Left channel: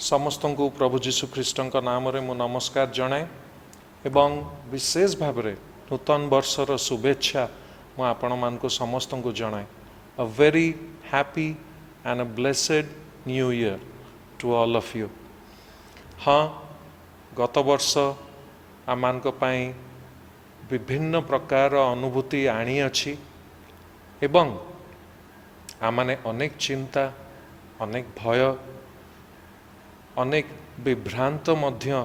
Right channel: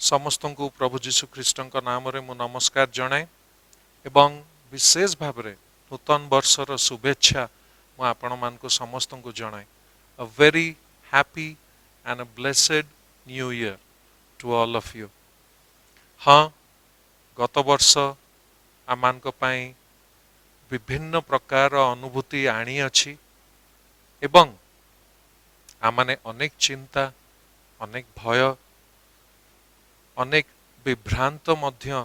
समस्त को प्रभु जीशु ख्रीष्ट नाम रे मु नमस्कार जनाए एवं विशेष भाव में नूतन वर्षर शुभेच्छा मु आपण मान को समस्त को जनाए a very happy and a blessed new year to all of you. हाँ, गत वर्ष आम विभिन्न प्रकार अनुभूति आनी अच्छी एवं आमने अनेक चिंता अनेक भय अनेक विभ्रांत मध्य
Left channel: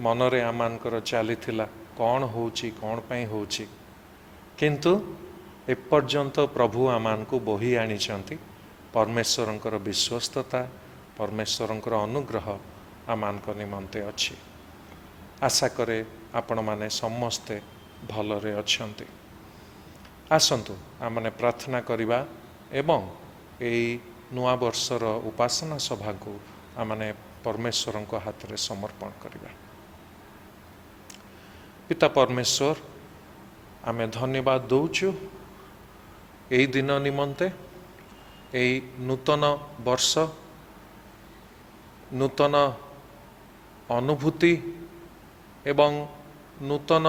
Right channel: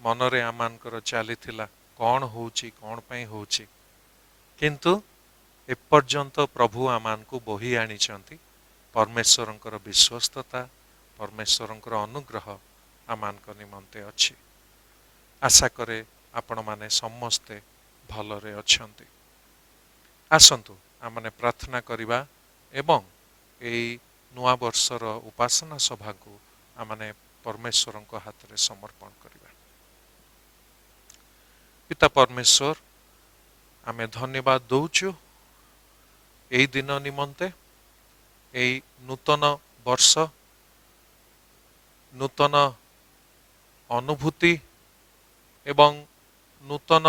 मनरे आमानकर चलीथिला कौन होची कौन पई होची, किंतु एपर्यंत प्रभु आमान को बोही आनिचंती। परमेश्वरंकर विश्वस्तता परमेश्वरंकर अनुग्रह आमान को निमंते अच्छी। आशा करे आपण माने समस्ते भलरे अछंती। आसंतु आमने प्रार्थना करिबा एवं एई नुआ वर्षर उपासना सभा को आमने परमेश्वर हाथ में समर्पण करिबा। पिता परमेश्वर आमे धन्यवाद दौचु एई दिन निमंते, एई नूतन वर्ष नूतन अनुभूति एवं नूतन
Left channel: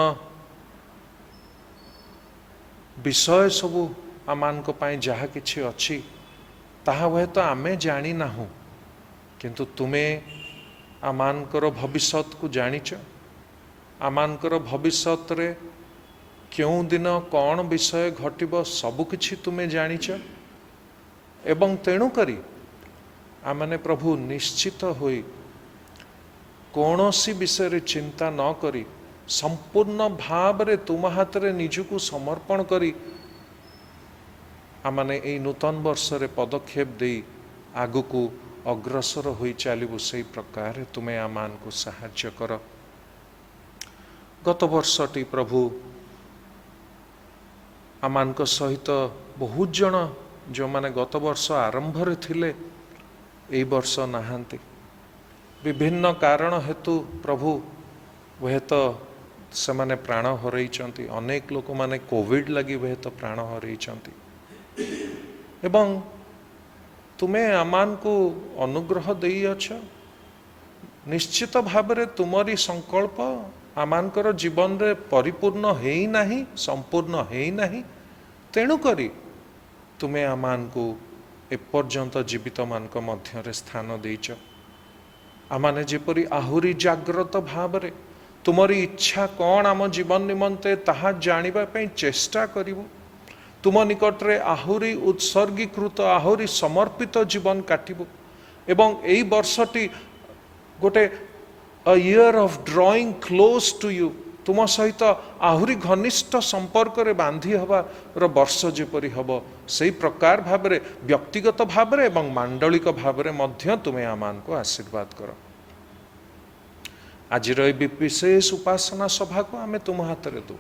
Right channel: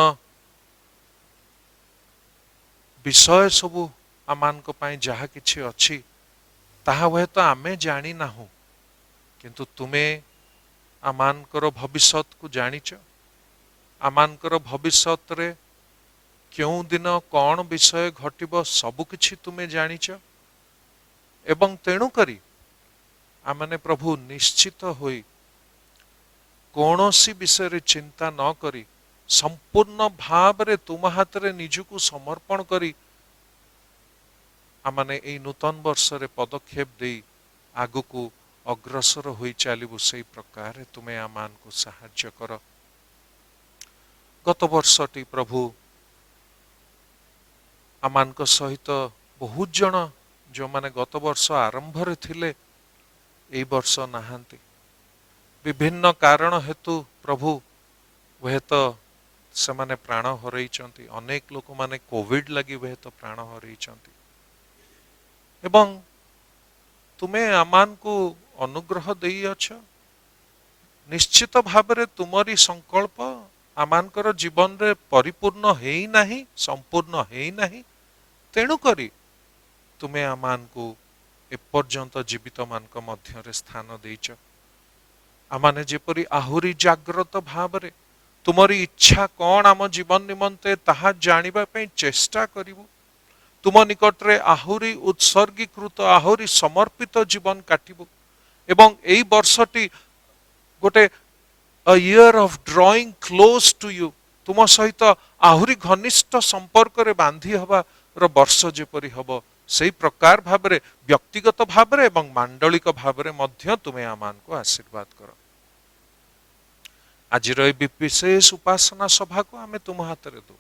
विषय सबू आमान को पाई जहा किछि अछि ताहा हुए तो आमे जानी नाहु, किंतु तुमे आमानकर भविष्यत को जानिच। आमानकर भविष्यत रे क्यों दिन कौन विषय घटिब सबु किछि तुमे जानिच एवं तेणु करी आमने प्रभु निश्चित होई कौनसी विषय रे चिंता न करी संपूर्ण भाव रे तुम हाथ रे निजको समर्पण करी आमने एई नूतन वर्ष रे पदक्षेप देई आगु को अग्रसर होई चलू से प्रकार तुम्हें आमान को साहाय्य कर। गत वर्षटी प्रभु आमान को सहित बहुत जन जो माने गत वर्ष आरंभ रे थिले एई वर्ष नहांती विभिन्न कारण हेतु प्रभु वह तो से माने प्राण हरैचंती। अनेक लोक माने कोविड लगी वह तो प्राण हरैचंती एवं तुम्हें आमान को अनुग्रह देई अछ। निश्चित भाव रे तुमरी संकल्प आमानकर जीवन रे परिपूर्ण हेई नाही, संपूर्ण हेई नाही, तेणु करी तुम्हें आमान को एपर्यंत जीवित मानक मध्य रे स्थान देइछ। आमाने जेपरी आहुरी जाग्रत भाव रे तुमरी इच्छा कौन आम जीवन निमंते ताहा जानिबा पई चेष्टा करिवो। तुम निकट रे आहुरी उत्सर्गीकृत आहुरी समर्पित जीवन काटिबो एवं एई वर्षटी गोटे a year of drawing close to you तुम सहित आहुरी घनिष्ठ संपर्क रे बांधी हवा रो वर्ष जेपरी हबो सेई प्रकार भाव रे व्यक्तिगत भाव रे एवं मांडलिक भाव रे मध्य तुमे आमान को आशीर्वाद करो। आज विशेष उपासना सभा को आमे तुम हाथ रे दो।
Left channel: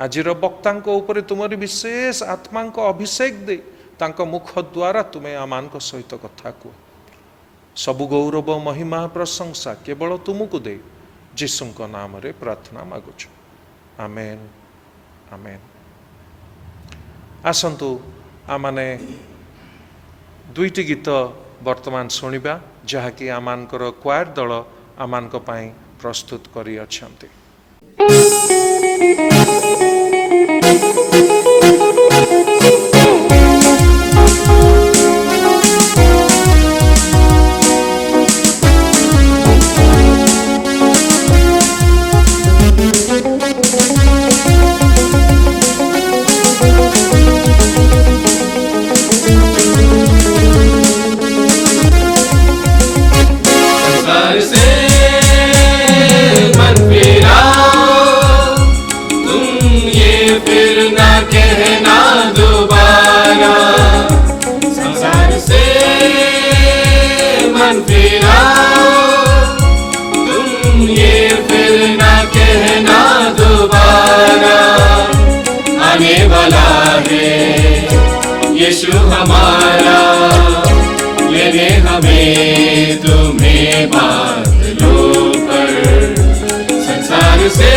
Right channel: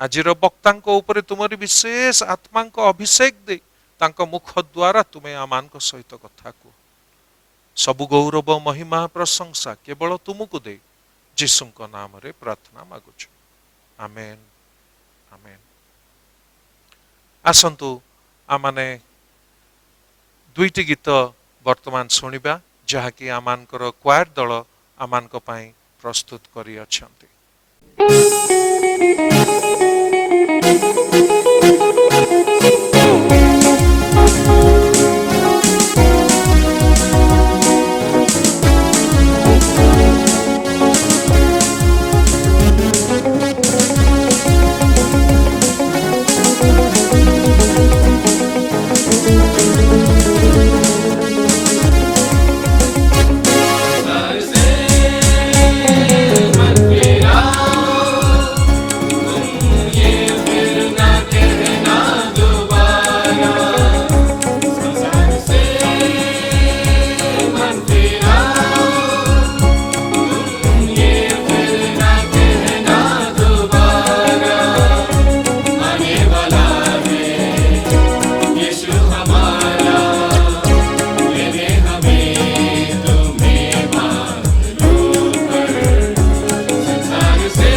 आज वक्ता ऊपर तुमरी विशेष आत्मा अभिषेक दे तांको मुख द्वारा तुम्हें आमान को सहित कथा को सबु गौरव महिमा प्रशंसा केवल तुमको दे जीसु नाम रे प्रार्थना मागुछु। आमेन आमेन। आसंतु आमाने दुईटी गीत वर्तमान सुनिबा जहाँकि आमानकर क्वायर दल आमानक पई प्रस्तुत करी अछंती। यीशु हमारा, लेने हमें तुम्हें बादलों पर, संसार से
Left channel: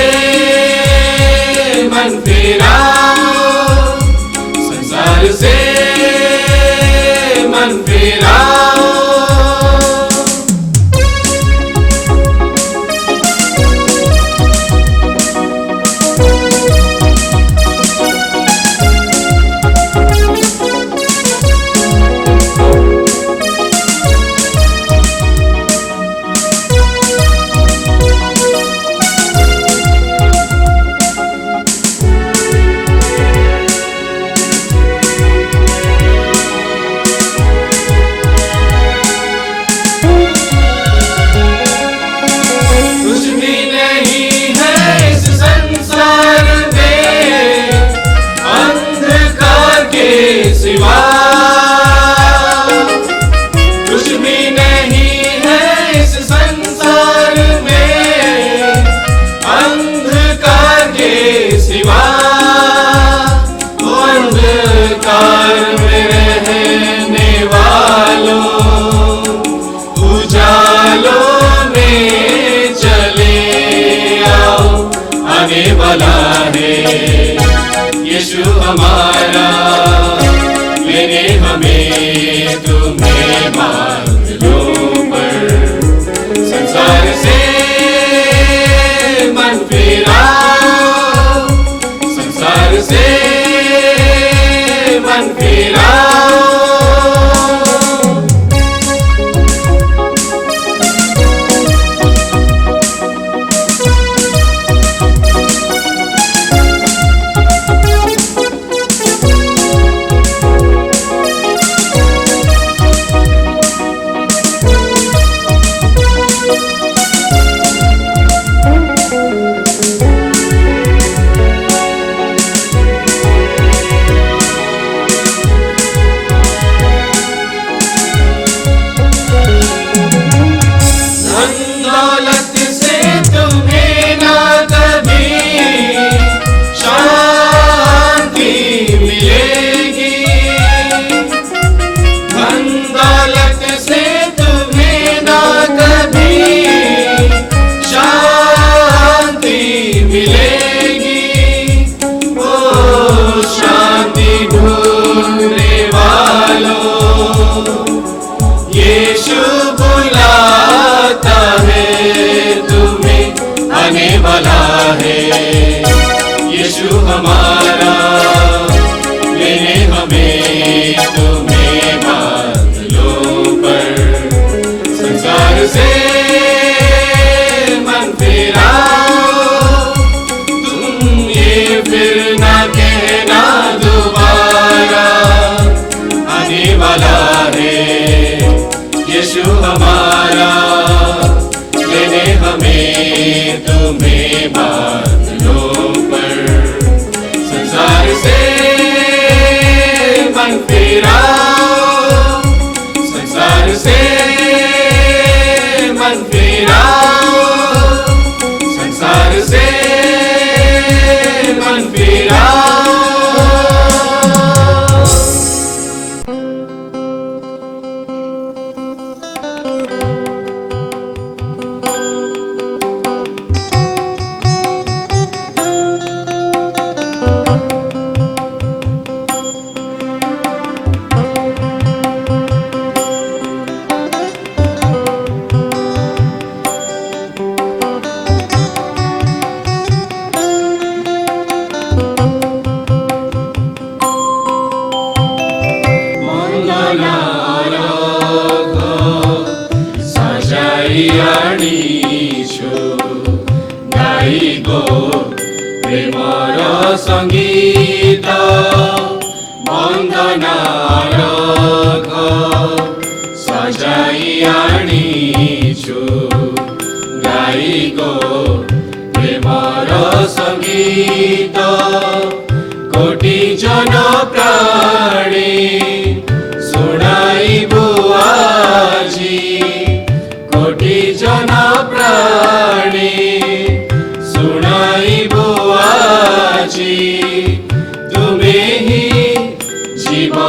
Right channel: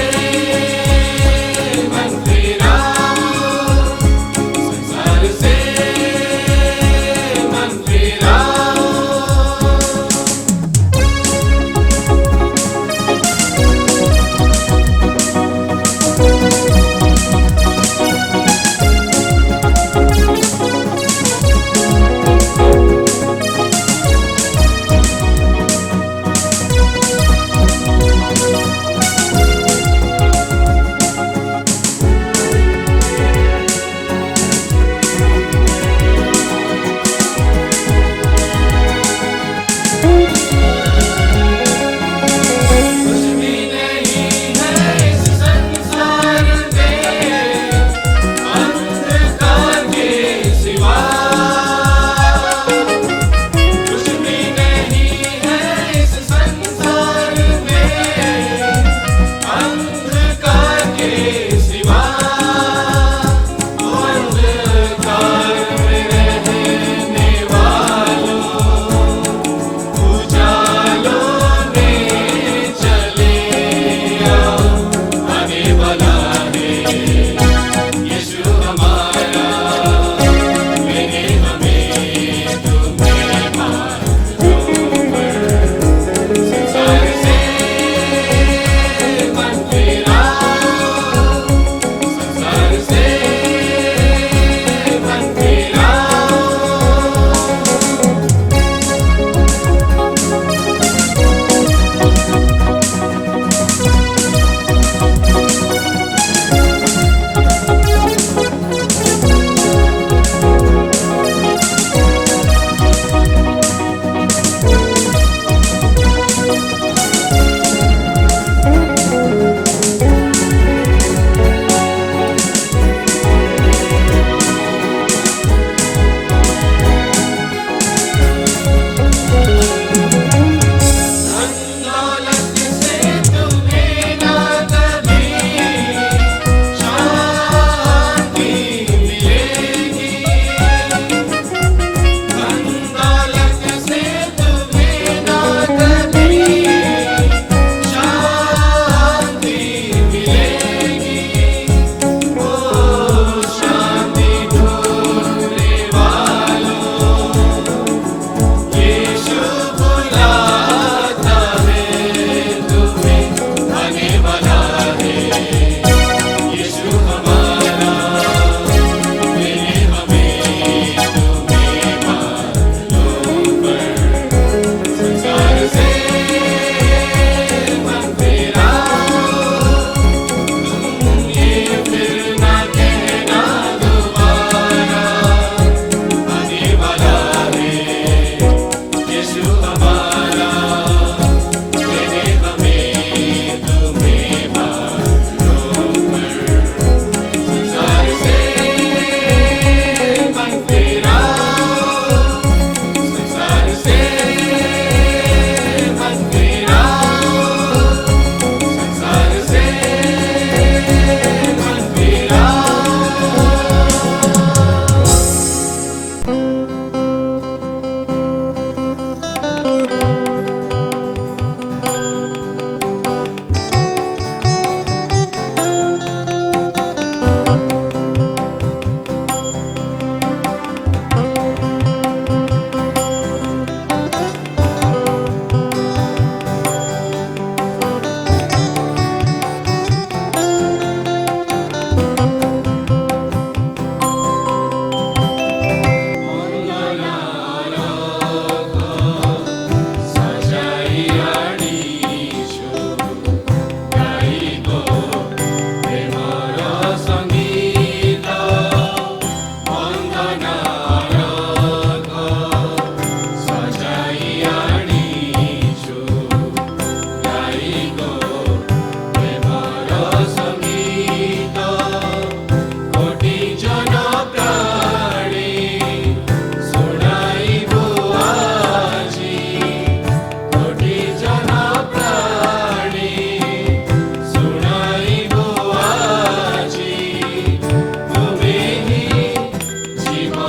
मन फिराओ, संसार से मन फिराओ।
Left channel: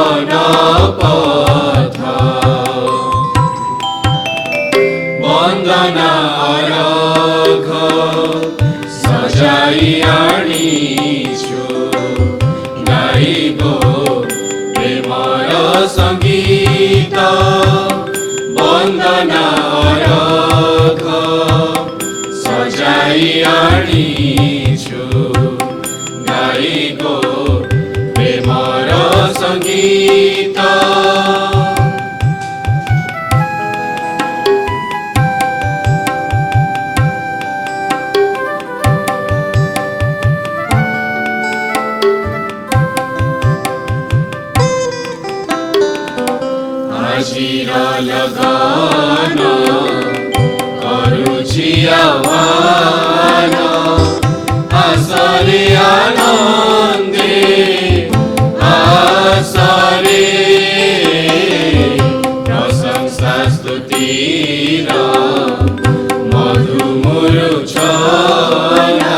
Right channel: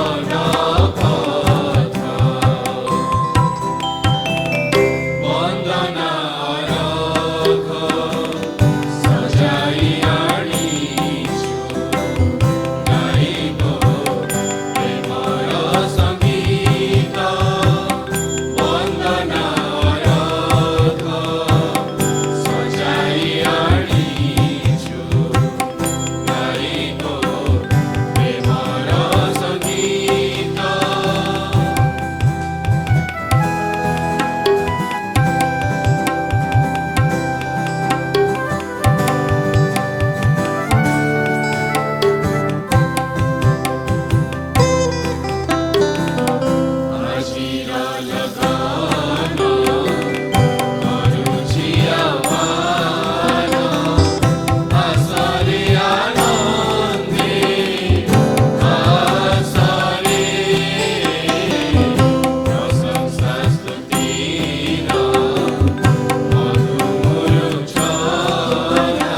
জীবন পথ বন্দনা অরঘ সজাই আনিছু গাইব প্রেমর সঙ্গীত বন্দনা অরঘ সজাই আনিছু গাইব প্রেমর সঙ্গীত আজির লগন করুছি আহ্বান আসরে আনন্দে আসরে প্রশংসা স্তুতির মধুমূর্ছনা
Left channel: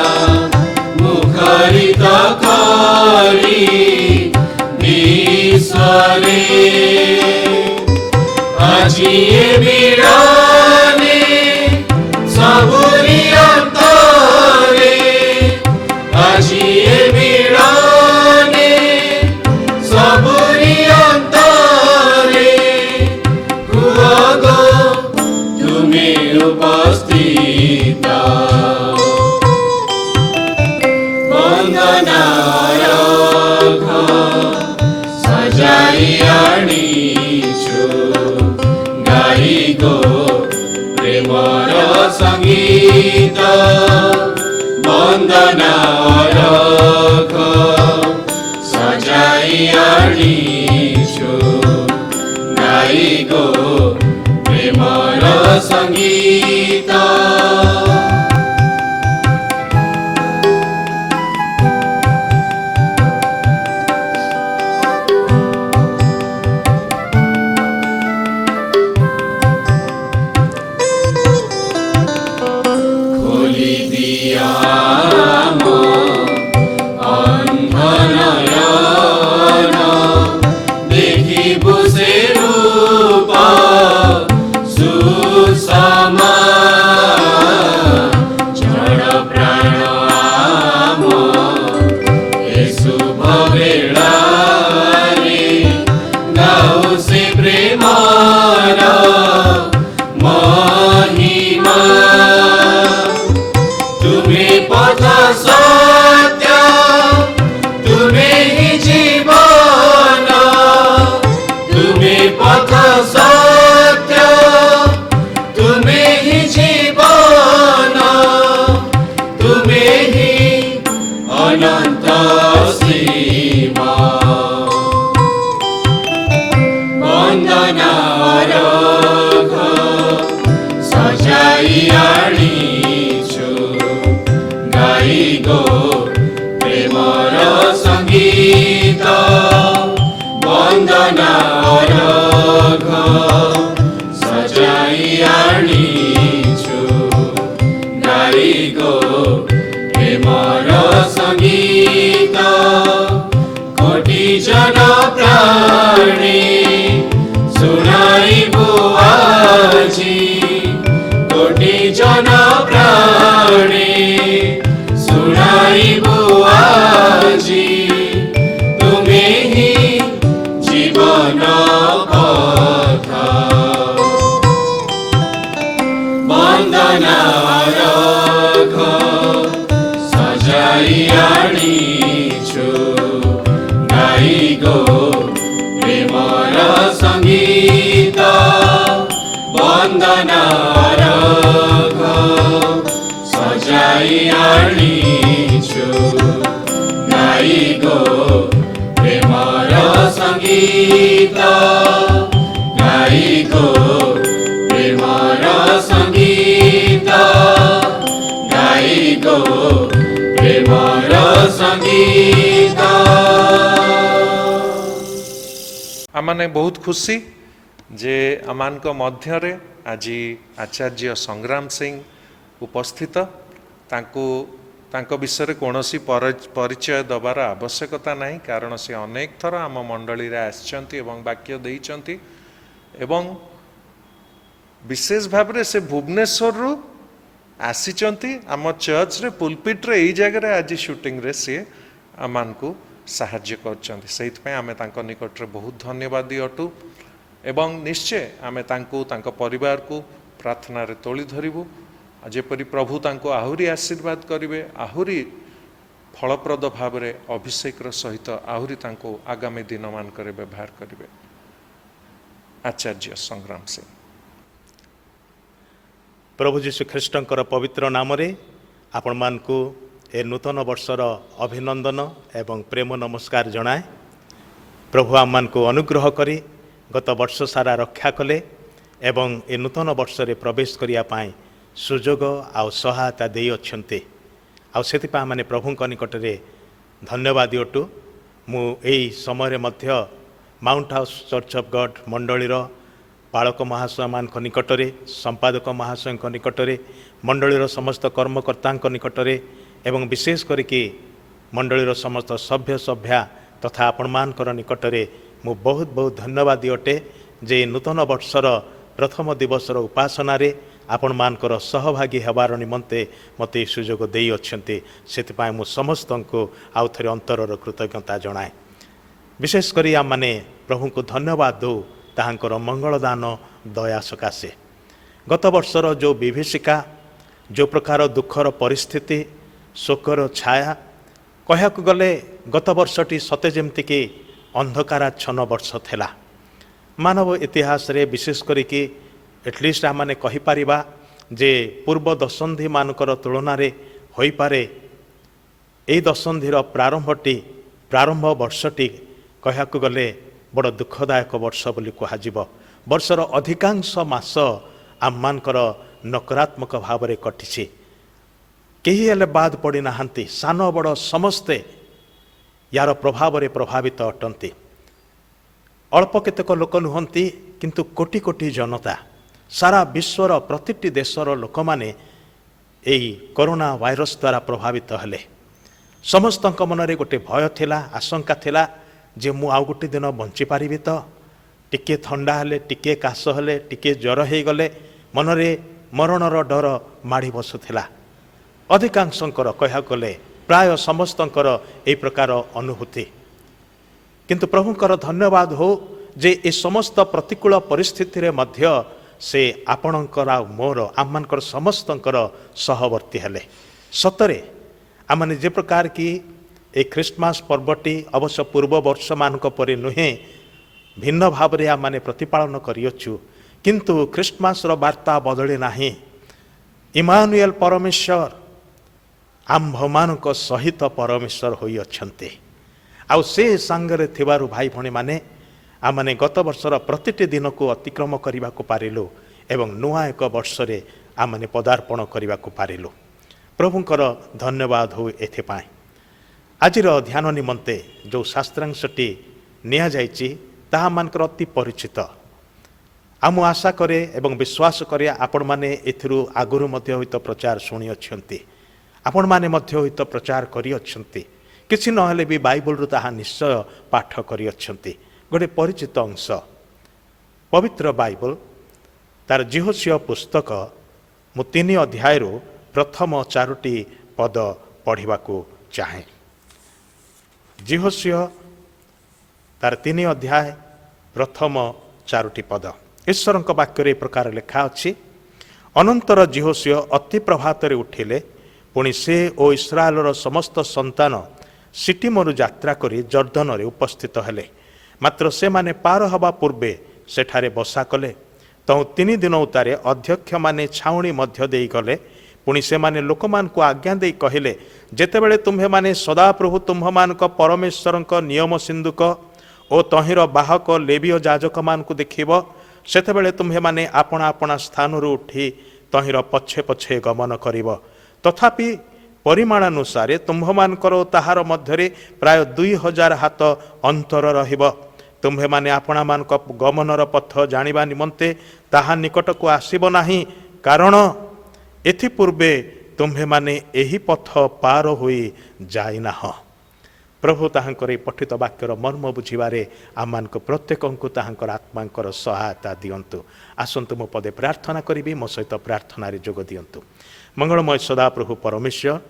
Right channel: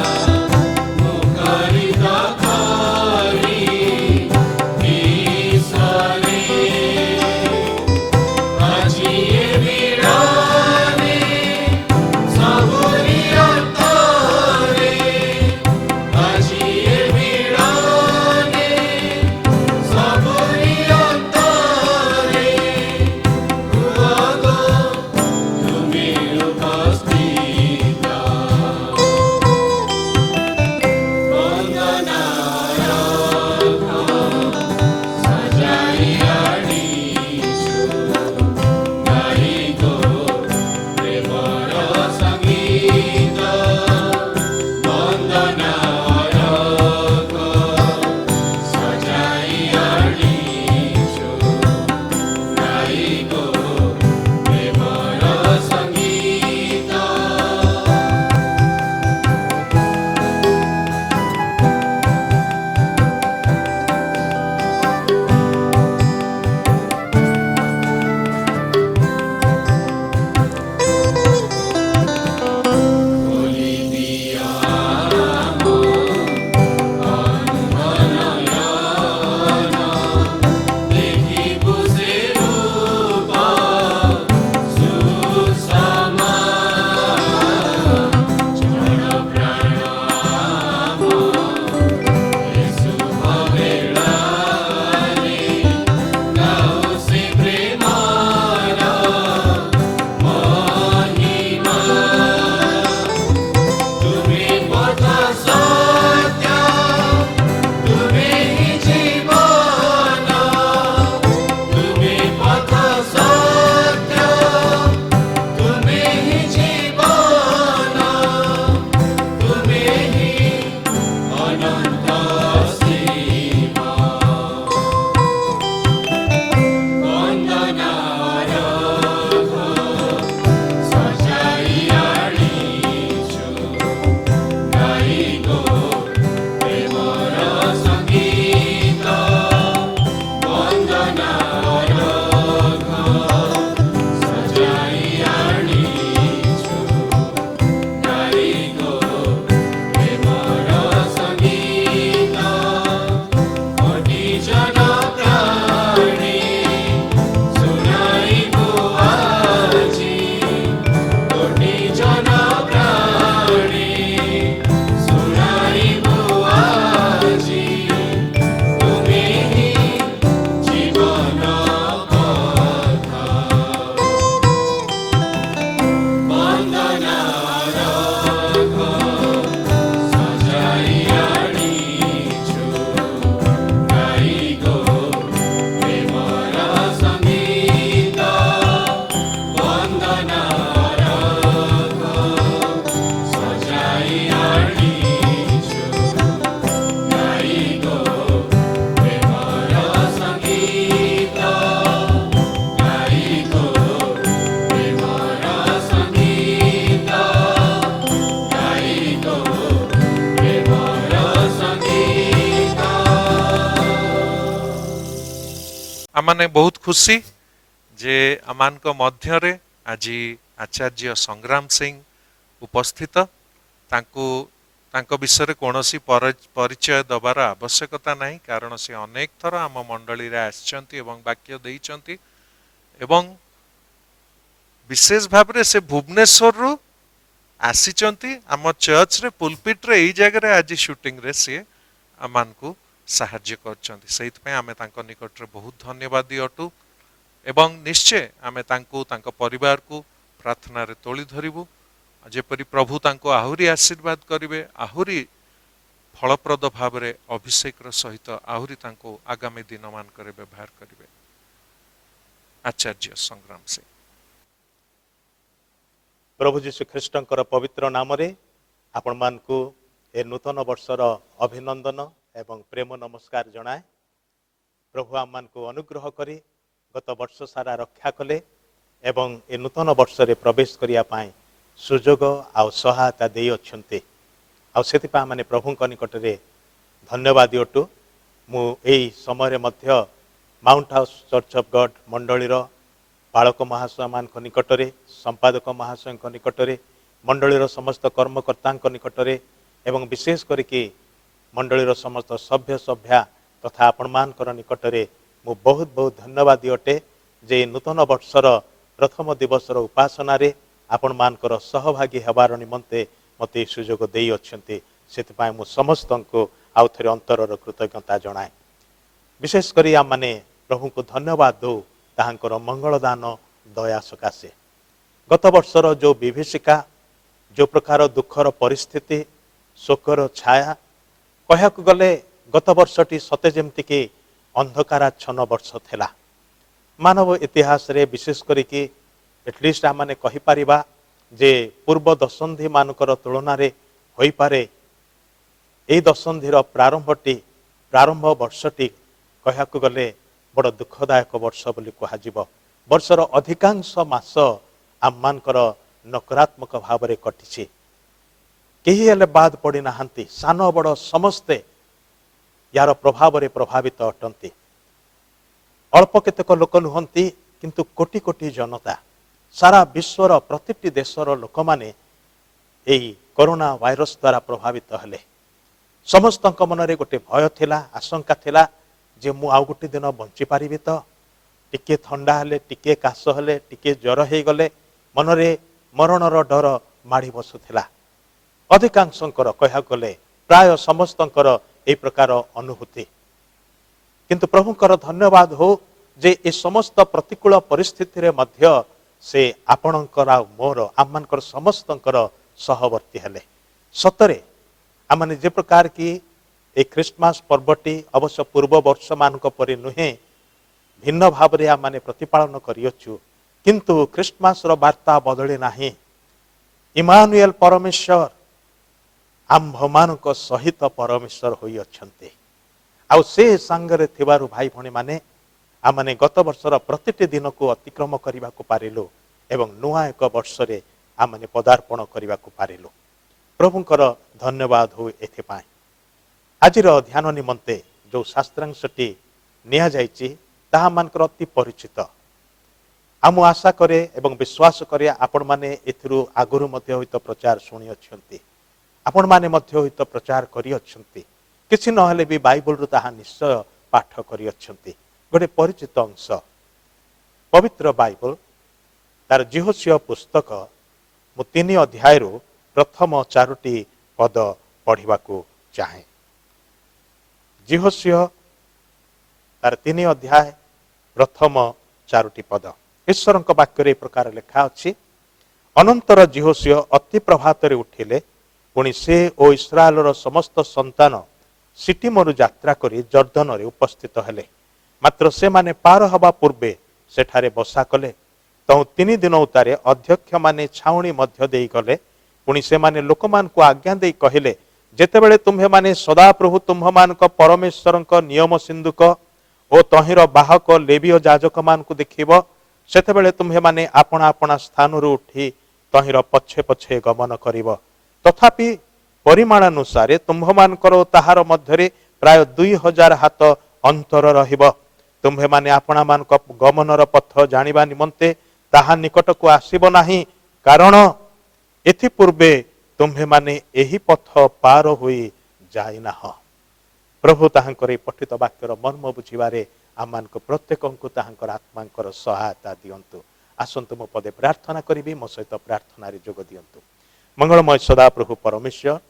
মুখরিত করি বিশ্বরে আজি এ বিরানে সবুরি অন্তরে আজি এ বিরানে সবুরি অন্তরে কুয়াগো তুমি উপস্থিত বন্দনা রঘ সজাই আনিছু গাইগো প্রেমর সঙ্গীত বন্দনা রঘ সজাই আনিছু গাইগো প্রেমর সঙ্গীত খোলি দিয়া অন্ধন দেখিব সে রূপ সুষমা জড় প্রাণ আম এ শুভ বেড়ারে গাও সে প্রেমর মহিমা তুমি পথ সত্য তুমি জীবন তুমি পথ সত্য তুমি জীবন তুমি অনন্ত সীমা বন্দনা রঘ সজাই আনিছু গাইগো প্রেমর সঙ্গীত বন্দনা রঘ সজাই আনিছু গাইগো প্রেমর সঙ্গীত কোটি জন প্রাণী শুনাইবু আজি কোটি জন প্রাণী শুনাইবু আজি তুমি জীবন কথা বন্দনা রঘ সজাই আনিছু গাইগো প্রেমর সঙ্গীত বন্দনা রঘ সজাই আনিছু গাইগো প্রেমর সঙ্গীত গাইগো প্রেমর সঙ্গীত গাইগো প্রেমর সঙ্গীত आमने बहुत खुशी जे आमान मध्यरे आज आचार्य संग्राम सिंह उपस्थित तांकु तांको विषय कौनसी परिचय दबार आवश्यकता नहीं, कारण से अनेक थर आम मंडली रे आछंती एवं वाक्य देइचंती एवं विशेष भाव से भुवनेश्वर रु आसीचंती आम चर्च रे पुलपिट रे एई जगह रे आज शूटिंग रे से आमान को साहाय्य करचंती। सेइतपय आमे तांको निकट रे बहुत धन्यवादी अटू एवं निश्चय आमे तांको तांको परिवार को प्रार्थना रे तोली धरिबू। जेपरि प्रभु तांको आहुरी आशीर्वाद करिवे, आहुरी फलप्रद भाव रे अभिषेक सहित आहुरी तांको आगामी दिन मान करे व्यवहार करिवे। आचार्य संग्राम सिंह। प्रभु जीशु ख्रीष्टंकर पवित्र नाम रे आपण मानकु ए नूतन वर्षर अभिनंदन एवं प्रेम नमस्कार जनाए। प्रभु आम मानकु अनुग्रह करी गत वर्ष सारा रक्षा कले एवं ए नूतन वर्ष रे प्रवेश करिया पाए सुजोग आ सहायता दे अच्छे आ माने प्रभु निकट रे धन्यवादी अटू। मु एई समय मध्य Mount House Church of God मंडलीर पालक महाशय मान निकट रे, संपादक महाशय निकट रे, मंडलीर समस्त कर्मकर्ता निकट रे एवं विशेष करके मंडलीर समस्त सभ्य सभ्या तथा आपण मानकर निकट रे मु बहुत बहुत धन्यवादी अटे जे नूतन वर्षर प्रथम दिवसर उपासना रे आपण मानकर सहभागी हेबार निमंते मते सुजोग देई अछंते। सेतिपाय मु समस्त को आउ थरे अंतरर कृतज्ञता जनाए। विशेष करी आम माने प्रभु को धन्यवाद दो ताहांकर मंगलदान दया सकाशे। गत वर्षर जो विभीषिका, जो प्रकार दुखर परिस्थिति, शोकर छाया, कहयाकु गले गत वर्षटी सते जेमति कि अंधकाराच्छन्न वर्ष थिला। मानव इतिहास रे विशेष करिकि एटलिस्ट आमने कहि परिबा जे पूर्व दशंधि मानकर तुलना रे होई पारे ए दशंधिर प्रारंभ वर्षटी कहयाकु गले बड़ दुखदायक वर्ष बोली कहाजिब। वर्षर अधिकांश मास आममानकर नकारात्मक भाव रे कटिछि। केही हेले बाद पड़ी नाहंती, सान बड़ समस्ते यार प्रभाव रे प्रभावित अटंती। अल्प केतेक लोक नुहंती किंतु कोटी कोटी जनता सारा विश्वर प्रतिटी देशर लोक माने एई कोरोना वायरस द्वारा प्रभावित हेले। समस्तक मनरे गोटे भय थिला, आशंका थिला जे मु आउ गोटे दिन बंची पारिबि तो। टिके थंडा हेले, टिके काश हेले, टिके ज्वर हे गले मनरे मरणर डर माड़ी बसुथिला। अधिकांशंकर कहा गले प्राय समस्तंकर ए प्रकार अनुभूति। किंतु प्रभुंकर धन्यवाद हो जे ए समस्त प्रतिकूल परिस्थिति रे मध्य से आपणकर आ मोर आममानकर समस्तंकर सहवर्ती हेले। सतरे आमने जे प्रकार की ए क्रिसमस पर्वटी अवश्य पूर्व वर्ष मानक परि नुहे भिन्न भाव रे आमने प्रतिपालन करियछु, किंतु क्रिसमस रो वार्ता बदले नाही। इमानुएल परमेश्वर आम्भमानक सहित परमेश्वर होई अछंते। आउ से संगरे थिबारु भाई भणी माने आमने गत वर्षर प्रतिटी दिन को अतिक्रम करने को पारिलु एवं नुआ एक वर्ष रे आमने पदार्पण करने को पारिलु। प्रभुंकर धन्यवाद हो एथिपाई। आजिर ध्यान निमंते जो शास्त्रांशटी निया जाइछि ताहा मानकर अति परिचित। आम आशा करे एवं विश्वास करे आपण माने एथिरु आगुरु मध्य होइत प्रचार शुणी अछंती, आपण माने मध्य होइत प्रचार करि अछंती। किछि नहले भी बाइबल रु ताहा निश्चय पाठ करि अछंती। गोटे परिचित अंश पवित्र बाइबल तार जिहोशिया पुस्तक मु 3 अध्याय प्रथम 4टी पद पढ़ा चाहे। जिहोशिया तार 3 अध्याय प्रथम 4टी पद ईश्वर वाक्य प्रकार लेखा अच्छी। अनंतर जिहोशिया अति प्रभात उठिले, पुणी से ओ इस्राएलर समस्त संतान सिटिमरु यात्रा करी जर्दन रे उपस्थित हेले। मात्र से माने पार हवा पूर्वे सेठारे बसा कले। तो 3 दिन उतारे अध्यक्ष माने छाउणी मध्य देई गले। पुणी से माने लोकमान को आज्ञा देई कहिले, जेतेबेले तुम्हे माने सदाप्रभु तुम्हमानक परमेश्वरक नियम सिंधुक ओ तहिर बाहक लेवीय याजक मान को देखिब, सेतेबेले तुम्हे माने आपणा आपणा स्थान उठी तहिर पछे पछे गमन करिब। तथापि परिमाणानुसारे तुम्भमानकर ताहार मध्यरे प्राय 2000 हाथ अंतर रहिब। तुम्हे माने आपणा मानक गमनर पथ जानिबा निमंते ताहा निकट को आसीब नाही, कारण एथि पूर्वे तुम्हे माने एही पथ पार होई जाइना। प्रभु ताहांकर पठित वाक्यर मर्म बुझिबारे आममानक प्रत्येकଙ୍କୁ ताहांकर आत्मांकर सहायता दियंतु। आसंतु मो पदे प्रार्थना करिबी, मो सहित प्रार्थनारे जोग दियंतु। मंगलमय सदा प्रभु परमेश्वर,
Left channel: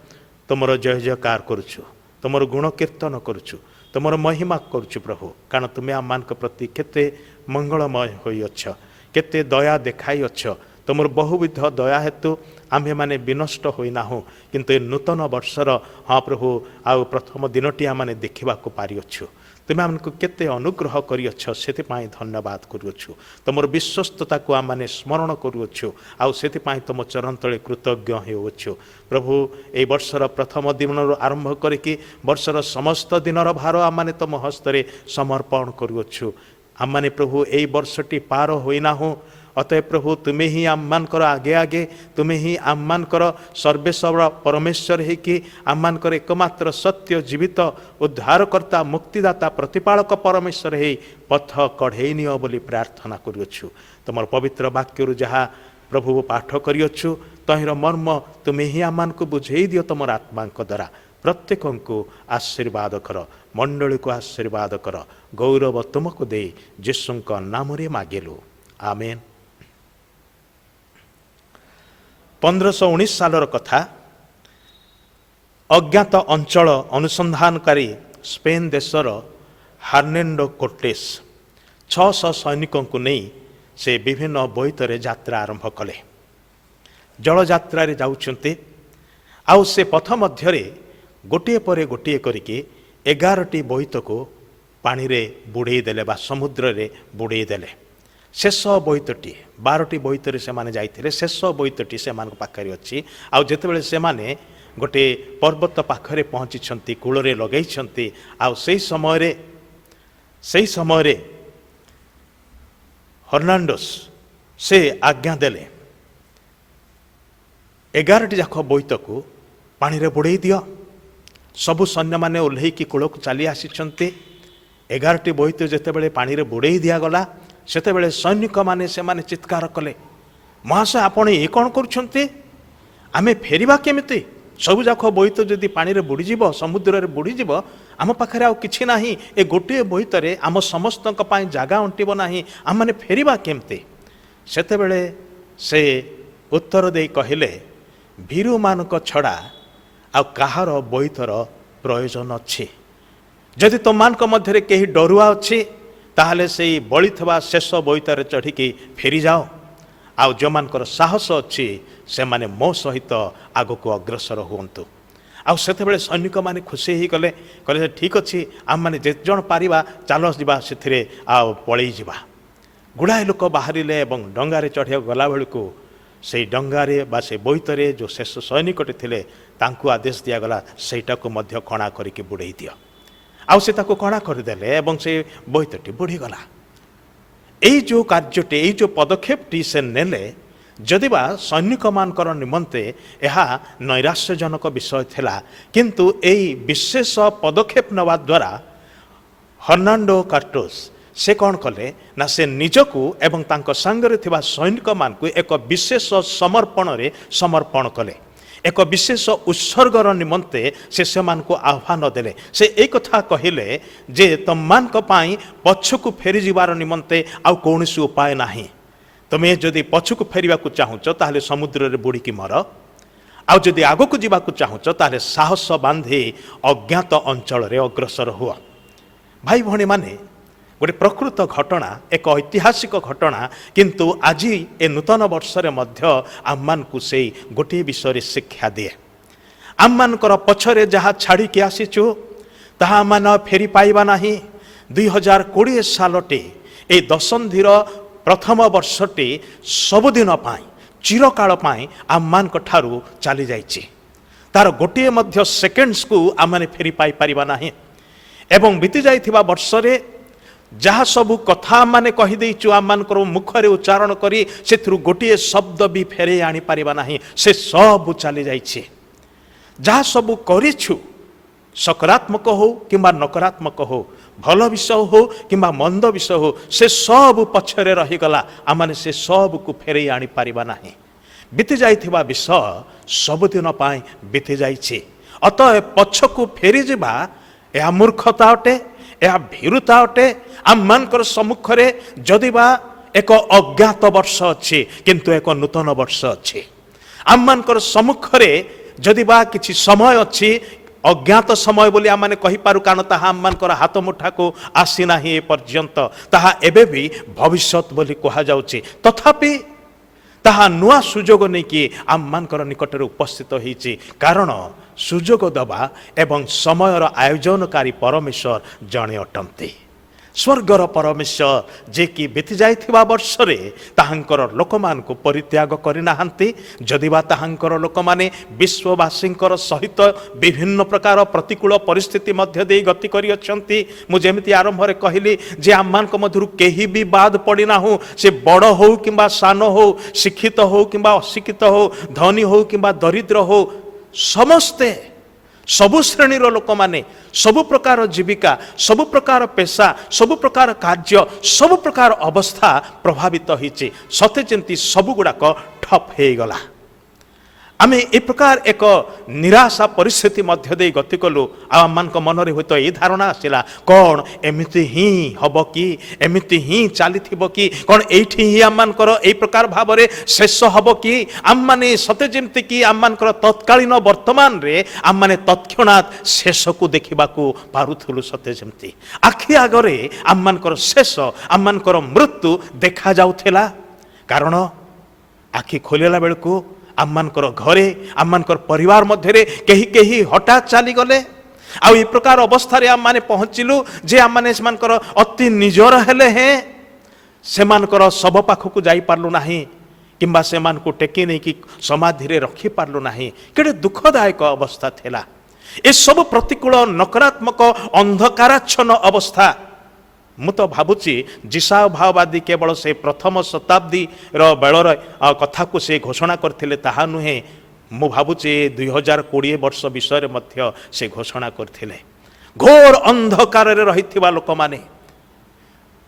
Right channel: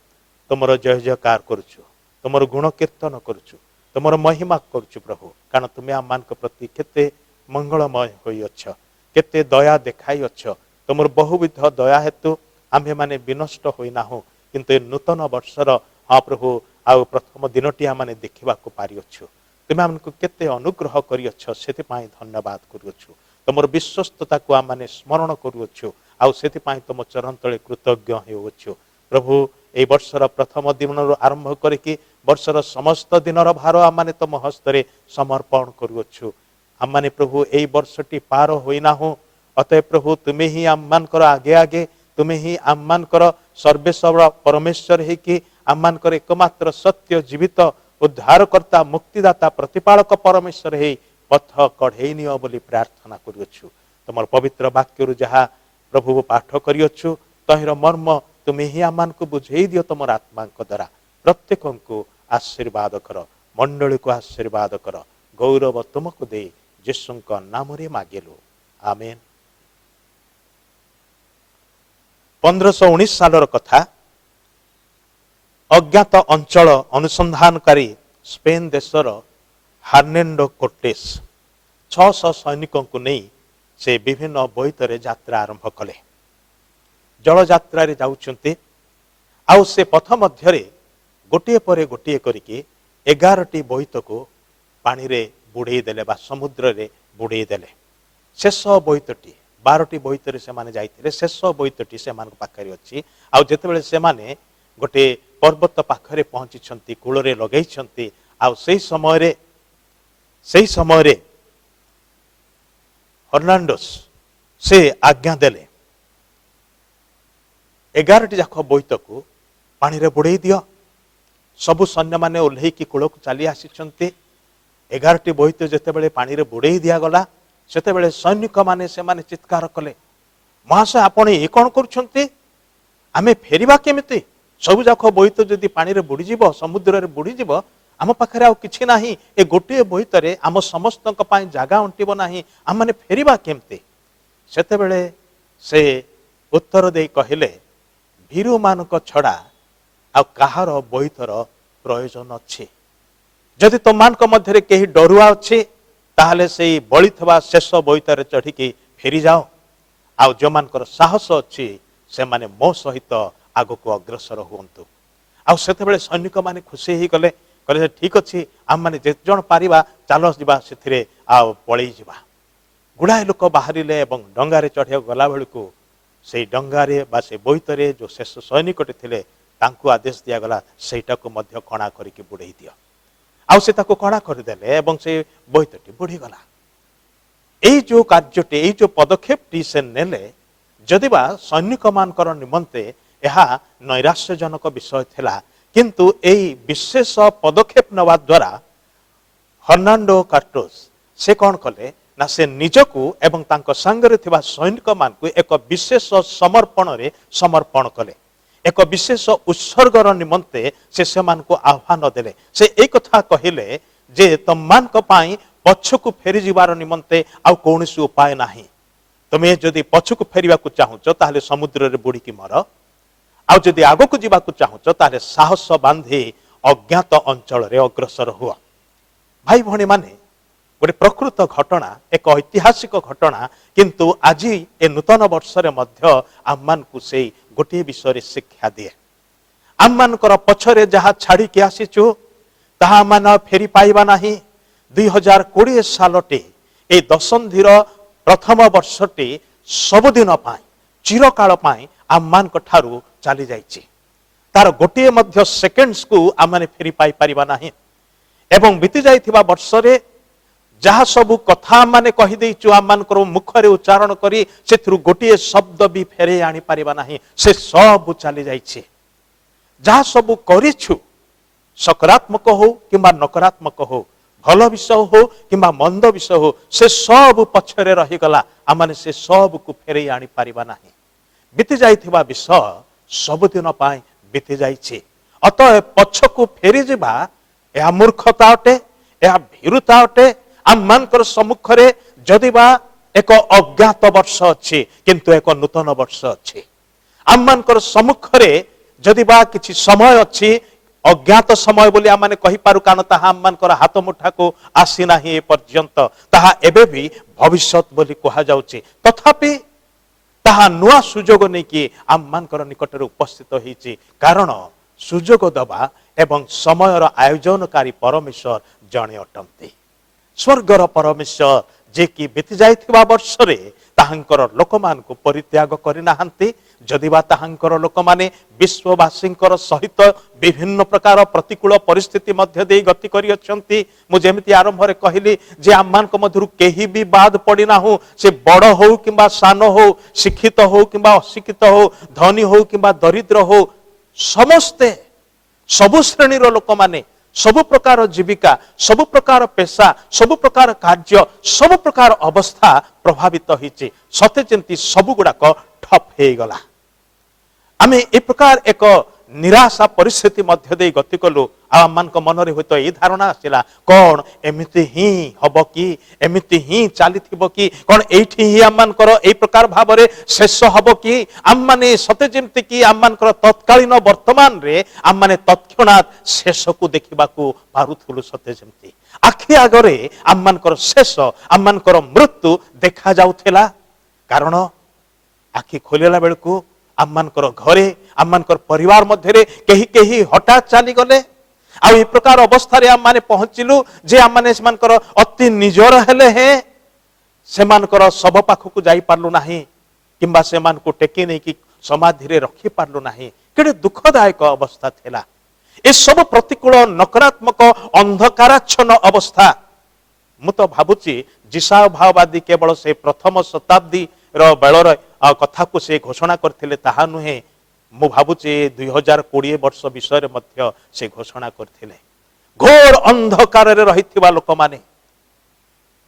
तुमर जय जयकार करुछु, तुमर गुण कीर्तन करुछु, तुमर महिमा करुछु प्रभु, कारण तुमे आममानक प्रति केते मंगलमय होई अछ, केते दया देखाई अछ। तुमर बहुविध दया हेतु आम्भे माने विनष्ट होइना हो, किंतु नूतन वर्षर हाँ प्रभु आउ प्रथम दिनटी आमे देखा पारि अच्छु। तुम आमको केते अनुग्रह करिअछ, सेतिपाई धन्यवाद करुछु। तुमर विश्वस्तता को आम स्मरण करुछु, आउ सेतिपाई तुम चरण तले कृतज्ञ होउछु। प्रभु ए वर्षर प्रथम दिन आरंभ करिकी वर्षर समस्त दिनर भार आम तुम हस्तरे समर्पण करुछु। आम प्रभु ए वर्षटी पार होइना हो, अतः प्रभु तुम्हें ही आममानकर आगे आगे, तुम्हें ही आममानकर सर्वेश्वर परमेश्वर है कि आममानकर एकमात्र सत्य जीवित उद्धारकर्ता मुक्तिदाता प्रतिपालक परमेश्वर है पथ कढ़ेई नियो बोली प्रार्थना करुछु। तुम पवित्र वाक्य जहाँ प्रभु पाठ करिअछु तहिर मर्म तुम्हें ही आममानक बुझेई दियो तुम आत्मांक द्वारा। प्रत्येक को आशीर्वाद कर, मंडली को आशीर्वाद कर, गौरव तुमको दे यीशुଙ୍କ नामरे मागिलु, आमेन। 1519 सालर कथा। अज्ञात अंचल अनुसंधानकारी स्पेन देशर हार्नेंडो कोर्टेस 600 सैनिकों को नहीं से विभिन्न बोईतरे यात्रा आरंभ कले। जल यात्रा रे जाउछन्ते, आउ से पथ मध्यरे गोटिए परे गोटिए करिके 11टी बोईत को पानी रे बुड़ेई देले बा समुद्र रे बुड़ेई देले। शेष बोईतटी 12टी बोईतरे से माने जाइथिले, शेष बोईतटी से मान पाखरे अछि। आउ जेतेबेले से माने गोटे पर्वत पाखरे पहुंची कूल रे लगेइछन्ती, आउ सेही समय रे हर्नांडोस से आज्ञा देले 11टी जाक बोईत को पानी रे बुड़ेई दियो। सबु सैन्य माने ओल्हेकी कूल को चली आसीछन्ती। 11टी बोईत जेतेबेले पानी रे बुड़ेई दिया गला, सेतेबेले सैनिक माने से माने चित्कार कले, महाशय आपण ये कौन करुछन्ते, आमे फेरिबा केमिति? सबु जाक बोईत जदि पानी रे बुड़ी जीव, समुद्र रे बुड़ी जीव, आम पाखरे आ किछि नाही, ए गोटे बोईतरे आम समस्तक पई जागा अंटिबो नाही, आम माने फेरिबा केमिति? सेतेबेले से उत्तर देई कहिले, भीरु मानक छड़ा आ काहार बोईतर प्रयोजन अछि। जदि तुमମାନଙ୍କ मध्यरे केही डरुआ अछि ताहले से बड़ी थवा शेष बोईतारे चढ़िकी फेरी जाओ, आउ जो मानकर साहस अच्छी से माने मो सहित आग को अग्रसर हुंतु। आउ सेतेबेले सैनिक माने खुशी ही गले, कहले ठीक अच्छी आम माने जे जण पारिबा चाल जिबा सेथिरे आ पळेई जिबा। गुड़ाए लोक बाहरिले एवं डंगारे चढ़िया गला बेलू से डंगारे बा से बोईतरे जो शेष सैनिकटे थिले तांकु आदेश दियागला सेटा को मध्य कणा करिके बुड़ेई दियो। आउ से ताको कणा करदेले एवं से बोईतटी बुड़ीगला। यही जो कार्यटी, यही जो पदक्षेपटी से नेले जदिबा सैनिक मानकर निमंते यह नैराश्यजनक विषय थिला, किंतु यही विशेष पदक्षेप नवा द्वारा हर्नांडो कार्टोस से कौन कले ना से निजकू एवं तांको संगरे थिबा सैनिक मानकू एक विशेष समर्पण रे समर्पण कले, एक विशेष उत्सर्गर निमंते से मान को आह्वान देले। से एक कथा कहिले जे तुमମାନଙ୍କ ପାଇଁ पछकु फेरी जिबार निमंते आ कौनसी उपाय नाही। तुमे जदि पछकु फेरिबाकू चाहुच ताहले समुद्र रे बुड़ीकी मर, आ जदि आगकू जिबाकू चाहुच ताहले साहस बांधे अज्ञात अंचल रे अग्रसर हुआ। भाई भणी माने गोटे प्रकृत घटना, एक ऐतिहासिक घटना, किंतु आज ए नूतन वर्ष मध्य आम को से गोटे विषय शिक्षा दिए। आम मानकर पछरे जहाँ छाड़ी के आसीचु ताहा मान फेरी पाइबा नाही। 2020 सालटे ए दशंधिर प्रथम वर्षटे सबुदिन पाई चिरकाल पाई आम मान ठारू चली जाइछि। तार गोटे मध्य सेकेंड्स को आम माने फेरी पाई परिबा नाही। एवं बीती जाइथिबा वर्षरे जहाँ सबू कथा माने कही देइछु आम मानकर मुखरे उच्चारण करी सेथरु गोटे शब्द भी फेरे आनी पारिबा नाही। से सब चली जाइछि। जहाँ सबू करिछु सकारात्मक हो किंबा नकारात्मक हो, भल विषय हो किंबा मंद विषय हो, से सब पछरे रही गला। आम माने से सब को फेरे आनी पारिबा नाही। बीती जाइथिबा विषय ସବୁଦିନ ପାଇଁ ବିତି ଯାଇଛି। ଅତଃ ପଛକୁ ଫେରିଯିବା ଏହା ମୂର୍ଖତା ଅଟେ, ଏହା ଭୀରୁତା ଅଟେ। ଆମମାନଙ୍କର ସମ୍ମୁଖରେ ଯଦିବା ଏକ ଅଜ୍ଞାତ ବର୍ଷ ଅଛି, କିନ୍ତୁ ଏକ ନୂତନ ବର୍ଷ ଅଛି। ଆମମାନଙ୍କର ସମ୍ମୁଖରେ ଯଦିବା କିଛି ସମୟ ଅଛି, ଅଜ୍ଞାତ ସମୟ ବୋଲି ଆମେ କହିପାରୁ, କାରଣ ତାହା ଆମମାନଙ୍କର ହାତ ମୁଠାକୁ ଆସିନାହିଁ ଏ ପର୍ଯ୍ୟନ୍ତ, ତାହା ଏବେ ବି ଭବିଷ୍ୟତ ବୋଲି କୁହାଯାଉଛି। ତଥାପି ତାହା ନୂଆ ସୁଯୋଗ ନେଇକି ଆମମାନଙ୍କର ନିକଟରେ ଉପସ୍ଥିତ ହେଇଛି, କାରଣ ସୁଯୋଗ ଦେବା ଏବଂ ସମୟର ଆୟୋଜନକାରୀ ପରମେଶ୍ୱର ଜଣେ ଅଟନ୍ତି। ସ୍ୱର୍ଗର ପରମେଶ୍ୱର ଯିଏକି ବିତି ଯାଇଥିବା ବର୍ଷରେ ତାହାଙ୍କର ଲୋକମାନଙ୍କୁ ପରିତ୍ୟାଗ କରିନାହାନ୍ତି। ଯଦିବା ତାହାଙ୍କର ଲୋକମାନେ ବିଶ୍ୱବାସୀଙ୍କର ସହିତ ବିଭିନ୍ନ ପ୍ରକାର ପ୍ରତିକୂଳ ପରିସ୍ଥିତି ମଧ୍ୟ ଦେଇ ଗତି କରିଅଛନ୍ତି। ମୁଁ ଯେମିତି ଆରମ୍ଭରେ କହିଲି ଯେ ଆମମାନଙ୍କ ମଧ୍ୟରୁ କେହି ବି ବାଦ ପଡ଼ିନାହୁଁ। ସେ ବଡ଼ ହଉ କିମ୍ବା ସାନ ହଉ, ଶିକ୍ଷିତ ହଉ କିମ୍ବା ଅଶିକ୍ଷିତ ହଉ, ଧନୀ ହଉ କିମ୍ବା ଦରିଦ୍ର ହଉ, ସମସ୍ତେ ସବୁ ଶ୍ରେଣୀର ଲୋକମାନେ, ସବୁ ପ୍ରକାର ଜୀବିକା, ସବୁ ପ୍ରକାର ପେଶା, ସବୁ ପ୍ରକାର କାର୍ଯ୍ୟ, ସବୁ ପ୍ରକାର ଅବସ୍ଥା ପ୍ରଭାବିତ ହୋଇଛି। ସତେ ଯେମିତି ସବୁଗୁଡ଼ାକ ଠପ୍ ହେଇଗଲା। ଆମେ ଏ ପ୍ରକାର ଏକ ନିରାଶା ପରିସ୍ଥିତି ମଧ୍ୟ ଦେଇ ଗତି କଲୁ। ଆଉ ଆମମାନଙ୍କ ମନରେ ହୁଏତ ଏ ଧାରଣା ଆସିଲା, କ'ଣ ଏମିତି ହିଁ ହବ କି, ଏମିତି ହିଁ ଚାଲିଥିବ କି, କ'ଣ ଏଇଠି ହିଁ ଆମମାନଙ୍କର ଏଇ ପ୍ରକାର ଭାବରେ ଶେଷ ହବ କି? ଆମମାନେ ସତେ ଯେମିତି କି ଆମମାନଙ୍କର ତତ୍କାଳୀନ ବର୍ତ୍ତମାନରେ ଆମମାନେ ତତ୍କ୍ଷଣାତ୍ ଶେଷକୁ ଦେଖିବାକୁ ପାରୁଥିଲୁ। ସତେ ଯେମିତି ଆଖି ଆଗରେ ଆମମାନଙ୍କର ଶେଷ, ଆମମାନଙ୍କର ମୃତ୍ୟୁ ଦେଖାଯାଉଥିଲା। କାରଣ ଆଖି ଖୋଲିଲା ବେଳକୁ ଆମମାନଙ୍କର ଘରେ, ଆମମାନଙ୍କର ପରିବାର ମଧ୍ୟରେ କେହି କେହି ହଠାତ୍ ଚାଲିଗଲେ। ଆଉ ଏ ପ୍ରକାର ଅବସ୍ଥାରେ ଆମମାନେ ପହଞ୍ଚିଲୁ ଯେ ଆମମାନେ ସେମାନଙ୍କର ଅତି ନିଜର ହେଲେ ହେଁ ସେମାନଙ୍କର ଶବ ପାଖକୁ ଯାଇପାରିଲୁ ନାହିଁ, କିମ୍ବା ସେମାନଙ୍କୁ ଟେକି ନେଇକି ସମାଧିରେ ରଖିପାରିଲୁ ନାହିଁ। କେଡ଼େ ଦୁଃଖଦାୟକ ଅବସ୍ଥା ଥିଲା। ଏସବୁ ପ୍ରତିକୂଳ, ନକାରାତ୍ମକ, ଅନ୍ଧକାରାଚ୍ଛନ୍ନ ଅବସ୍ଥା। ମୁଁ ତ ଭାବୁଛି ଯିଶାୟ ଭାବବାଦୀ କେବଳ ସେ ପ୍ରଥମ ଶତାବ୍ଦୀର ବେଳର କଥାକୁ ସେ ଘୋଷଣା କରିଥିଲେ ତାହା ନୁହେଁ। ମୁଁ ଭାବୁଛି 2020 ବର୍ଷ ବିଷୟରେ ମଧ୍ୟ ସେ ଘୋଷଣା କରିଥିଲେ। ଘୋର ଅନ୍ଧକାରରେ ରହିଥିବା ଲୋକମାନେ,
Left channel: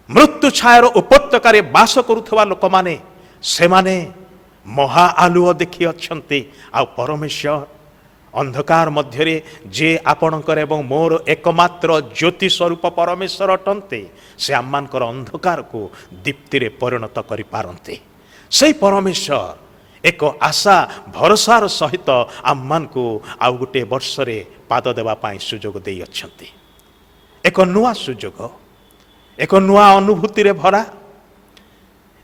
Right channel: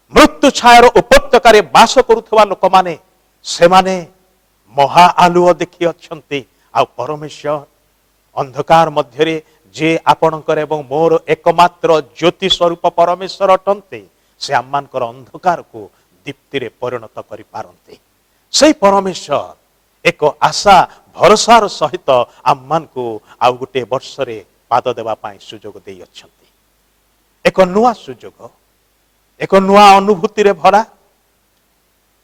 ମୃତ୍ୟୁ ଛାୟାର ଉପତ୍ୟକାରେ ବାସ କରୁଥିବା ଲୋକମାନେ, ସେମାନେ ମହା ଆଲୁଅ ଦେଖିଅଛନ୍ତି। ଆଉ ପରମେଶ୍ୱର ଅନ୍ଧକାର ମଧ୍ୟରେ ଯେ ଆପଣଙ୍କର ଏବଂ ମୋର ଏକମାତ୍ର ଜ୍ୟୋତି ସ୍ୱରୂପ ପରମେଶ୍ୱର ଅଟନ୍ତି, ସେ ଆମମାନଙ୍କର ଅନ୍ଧକାରକୁ ଦୀପ୍ତିରେ ପରିଣତ କରିପାରନ୍ତି। ସେହି ପରମେଶ୍ୱର ଏକ ଆଶା ଭରସାର ସହିତ ଆମମାନଙ୍କୁ ଆଉ ଗୋଟିଏ ବର୍ଷରେ ପାଦ ଦେବା ପାଇଁ ସୁଯୋଗ ଦେଇଅଛନ୍ତି। ଏକ ନୂଆ ସୁଯୋଗ, ଏକ ନୂଆ ଅନୁଭୂତିରେ ଭରା,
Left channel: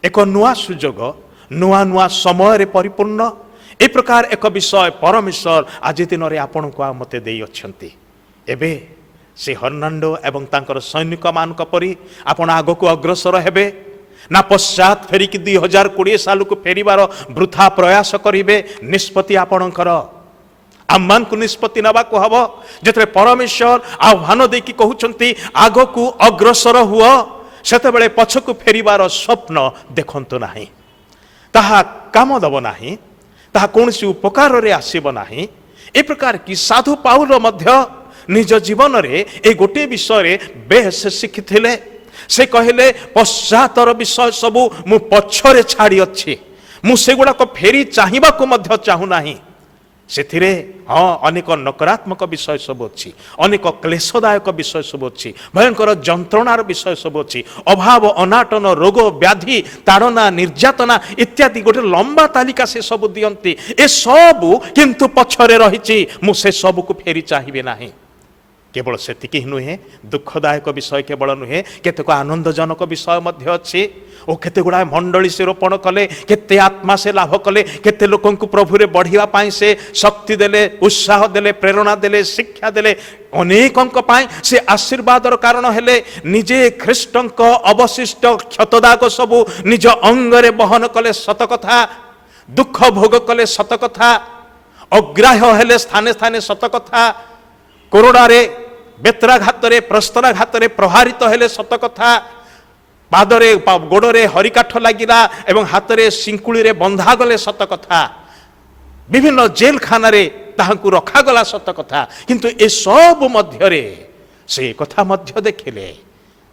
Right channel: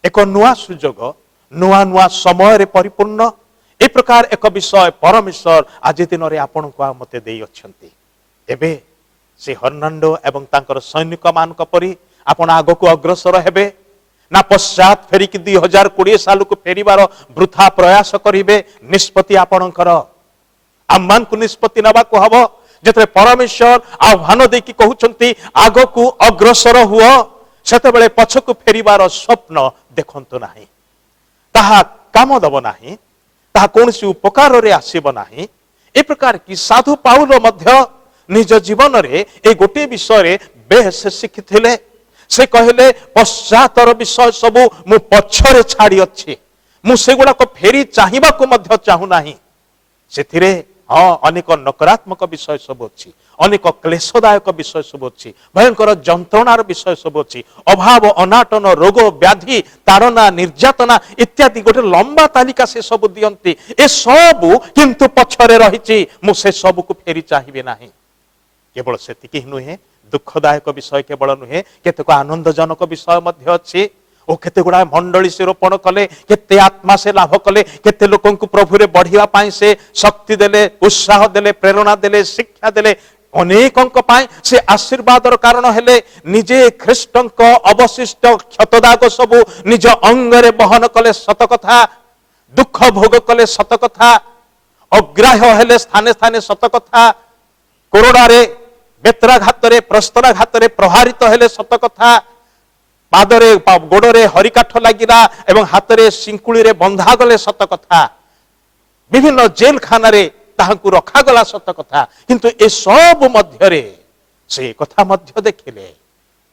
ଏକ ନୂଆ ସୁଯୋଗ, ନୂଆ ନୂଆ ସମୟରେ ପରିପୂର୍ଣ୍ଣ। ଏ ପ୍ରକାର ଏକ ବିଷୟ ପରମେଶ୍ୱର ଆଜି ଦିନରେ ଆପଣଙ୍କୁ ଆଉ ମୋତେ ଦେଇଅଛନ୍ତି। ଏବେ ସେ ହର୍ଣ୍ଣାଣ୍ଡୋ ଏବଂ ତାଙ୍କର ସୈନିକମାନଙ୍କ ପରି ଆପଣ ଆଗକୁ ଅଗ୍ରସର ହେବେ ନା ପଶ୍ଚାତ ଫେରିକି 2020 ସାଲକୁ ଫେରିବାର ବୃଥା ପ୍ରୟାସ କରିବେ? ନିଷ୍ପତ୍ତି ଆପଣଙ୍କର। ଆମମାନଙ୍କୁ ନିଷ୍ପତ୍ତି ନେବାକୁ ହବ। ଯେତେବେଳେ ପରମେଶ୍ୱର ଆହ୍ୱାନ ଦେଇକି କହୁଛନ୍ତି ଆଗକୁ ଅଗ୍ରସର ହୁଅ, ସେତେବେଳେ ପଛକୁ ଫେରିବାର ସ୍ୱପ୍ନ ଦେଖନ୍ତୁ ନାହିଁ। ତାହା କାମ ଦେବ ନାହିଁ, ତାହା କୌଣସି ଉପକାରରେ ଆସିବ ନାହିଁ। ଏ ପ୍ରକାର କି ସାଧୁ ପାଉଲ ମଧ୍ୟ ନିଜ ଜୀବନରେ ଏ ଗୋଟିଏ ବିଷୟରେ ବେଶ ଶିଖିଥିଲେ। ସେ କହିଲେ ପଶ୍ଚାତର ବିଷୟ ସବୁ ମୁଁ ପଛରେ ଛାଡ଼ିଅଛି, ମୁଁ ସେଗୁଡ଼ାକ ଫେରି ଚାହିଁବାକୁ ମଧ୍ୟ ଚାହୁଁନାହିଁ। ସେଥିରେ ଅନେକ ନକାରାତ୍ମକ ବିଷୟ ସବୁ ଅଛି, ଅନେକ କ୍ଲେଶଦାୟକ ବିଷୟ ସବୁ ଅଛି, ଭୟଙ୍କର ଯନ୍ତ୍ରଣାର ବିଷୟ ସବୁ ଅଛି, ଅଭାବ, ଅନାଟନ, ରୋଗ, ବ୍ୟାଧି, ତାଡ଼ନା, ନିର୍ଯାତନା ଇତ୍ୟାଦି ଗୋଟେ ଲମ୍ବା ତାଲିକା ସେ ସବୁ ଦିଅନ୍ତି। ଏସବୁ କିନ୍ତୁ ପଛରେ ରହିଛି, ମୁଁ ସେ ସବୁକୁ ଫେରି ଚାହିଁବି ନାହିଁ। କେବଳ ସେତିକି ନୁହେଁ, ଦୁଃଖଦାୟକ ବିଷୟ କେବଳ ନୁହେଁ, କେତେକ ଆନନ୍ଦଜନକ ବିଷୟ ମଧ୍ୟ ଅଛି। ଓ କେତେ ଗୁଡ଼ାଏ ମଣ୍ଡଳୀ ସେ ରୋପଣ କଲେ, କେତେ ଆତ୍ମା ସେ ଲାଭ କଲେ, କେତେ ଲୋକଙ୍କୁ ପ୍ରଭୁରେ ବଢ଼ିବା ପାଇଁ ସେ ଶକ୍ତି ଦେଲେ, ଉତ୍ସାହ ଦେଲେ, ପ୍ରେରଣା ଦେଲେ, ଶିକ୍ଷା ଦେଲେ। ଅନେକଙ୍କ ପାଇଁ ସେ ଆଶୀର୍ବାଦର କାରଣ ହେଲେ। ନିଜେ ଖ୍ରୀଷ୍ଟଙ୍କ ଅବଶିଷ୍ଟ କ୍ଷତଦାଗ ସବୁ ନିଜ ଅଙ୍ଗରେ ବହନ କଲେ, ସତ କଥା। ଦୁଃଖ ଭୋଗ କଲେ, ସତ କଥା। ଅଗ୍ରାହ୍ୟ ହେଲେ ସ୍ଥାନେ ସ୍ଥାନେ, ସତ କଥା। କୋରଡ଼ାରେ, ବେତ୍ରାଘାତରେ, ପ୍ରସ୍ତରାଘାତରେ ପ୍ରହାରିତ ହେଲେ, ସତ କଥା। ପାଦରେ ଗୋଡ଼ରେ ହରିକାଠ ଲାଗିଲା ଏବଂ ହାତରେ ଶିଙ୍କୁଳିରେ ବନ୍ଧାଗଲେ, ସତ କଥା। ବିଭିନ୍ନ ଜେଲଖାନାରେ ତାହାଙ୍କୁ ରଖାଗଲା, ସତ କଥା। କିନ୍ତୁ ଏସବୁ ମଧ୍ୟରେ ସେ କଥା ମଧ୍ୟ ଦେଖିଲେ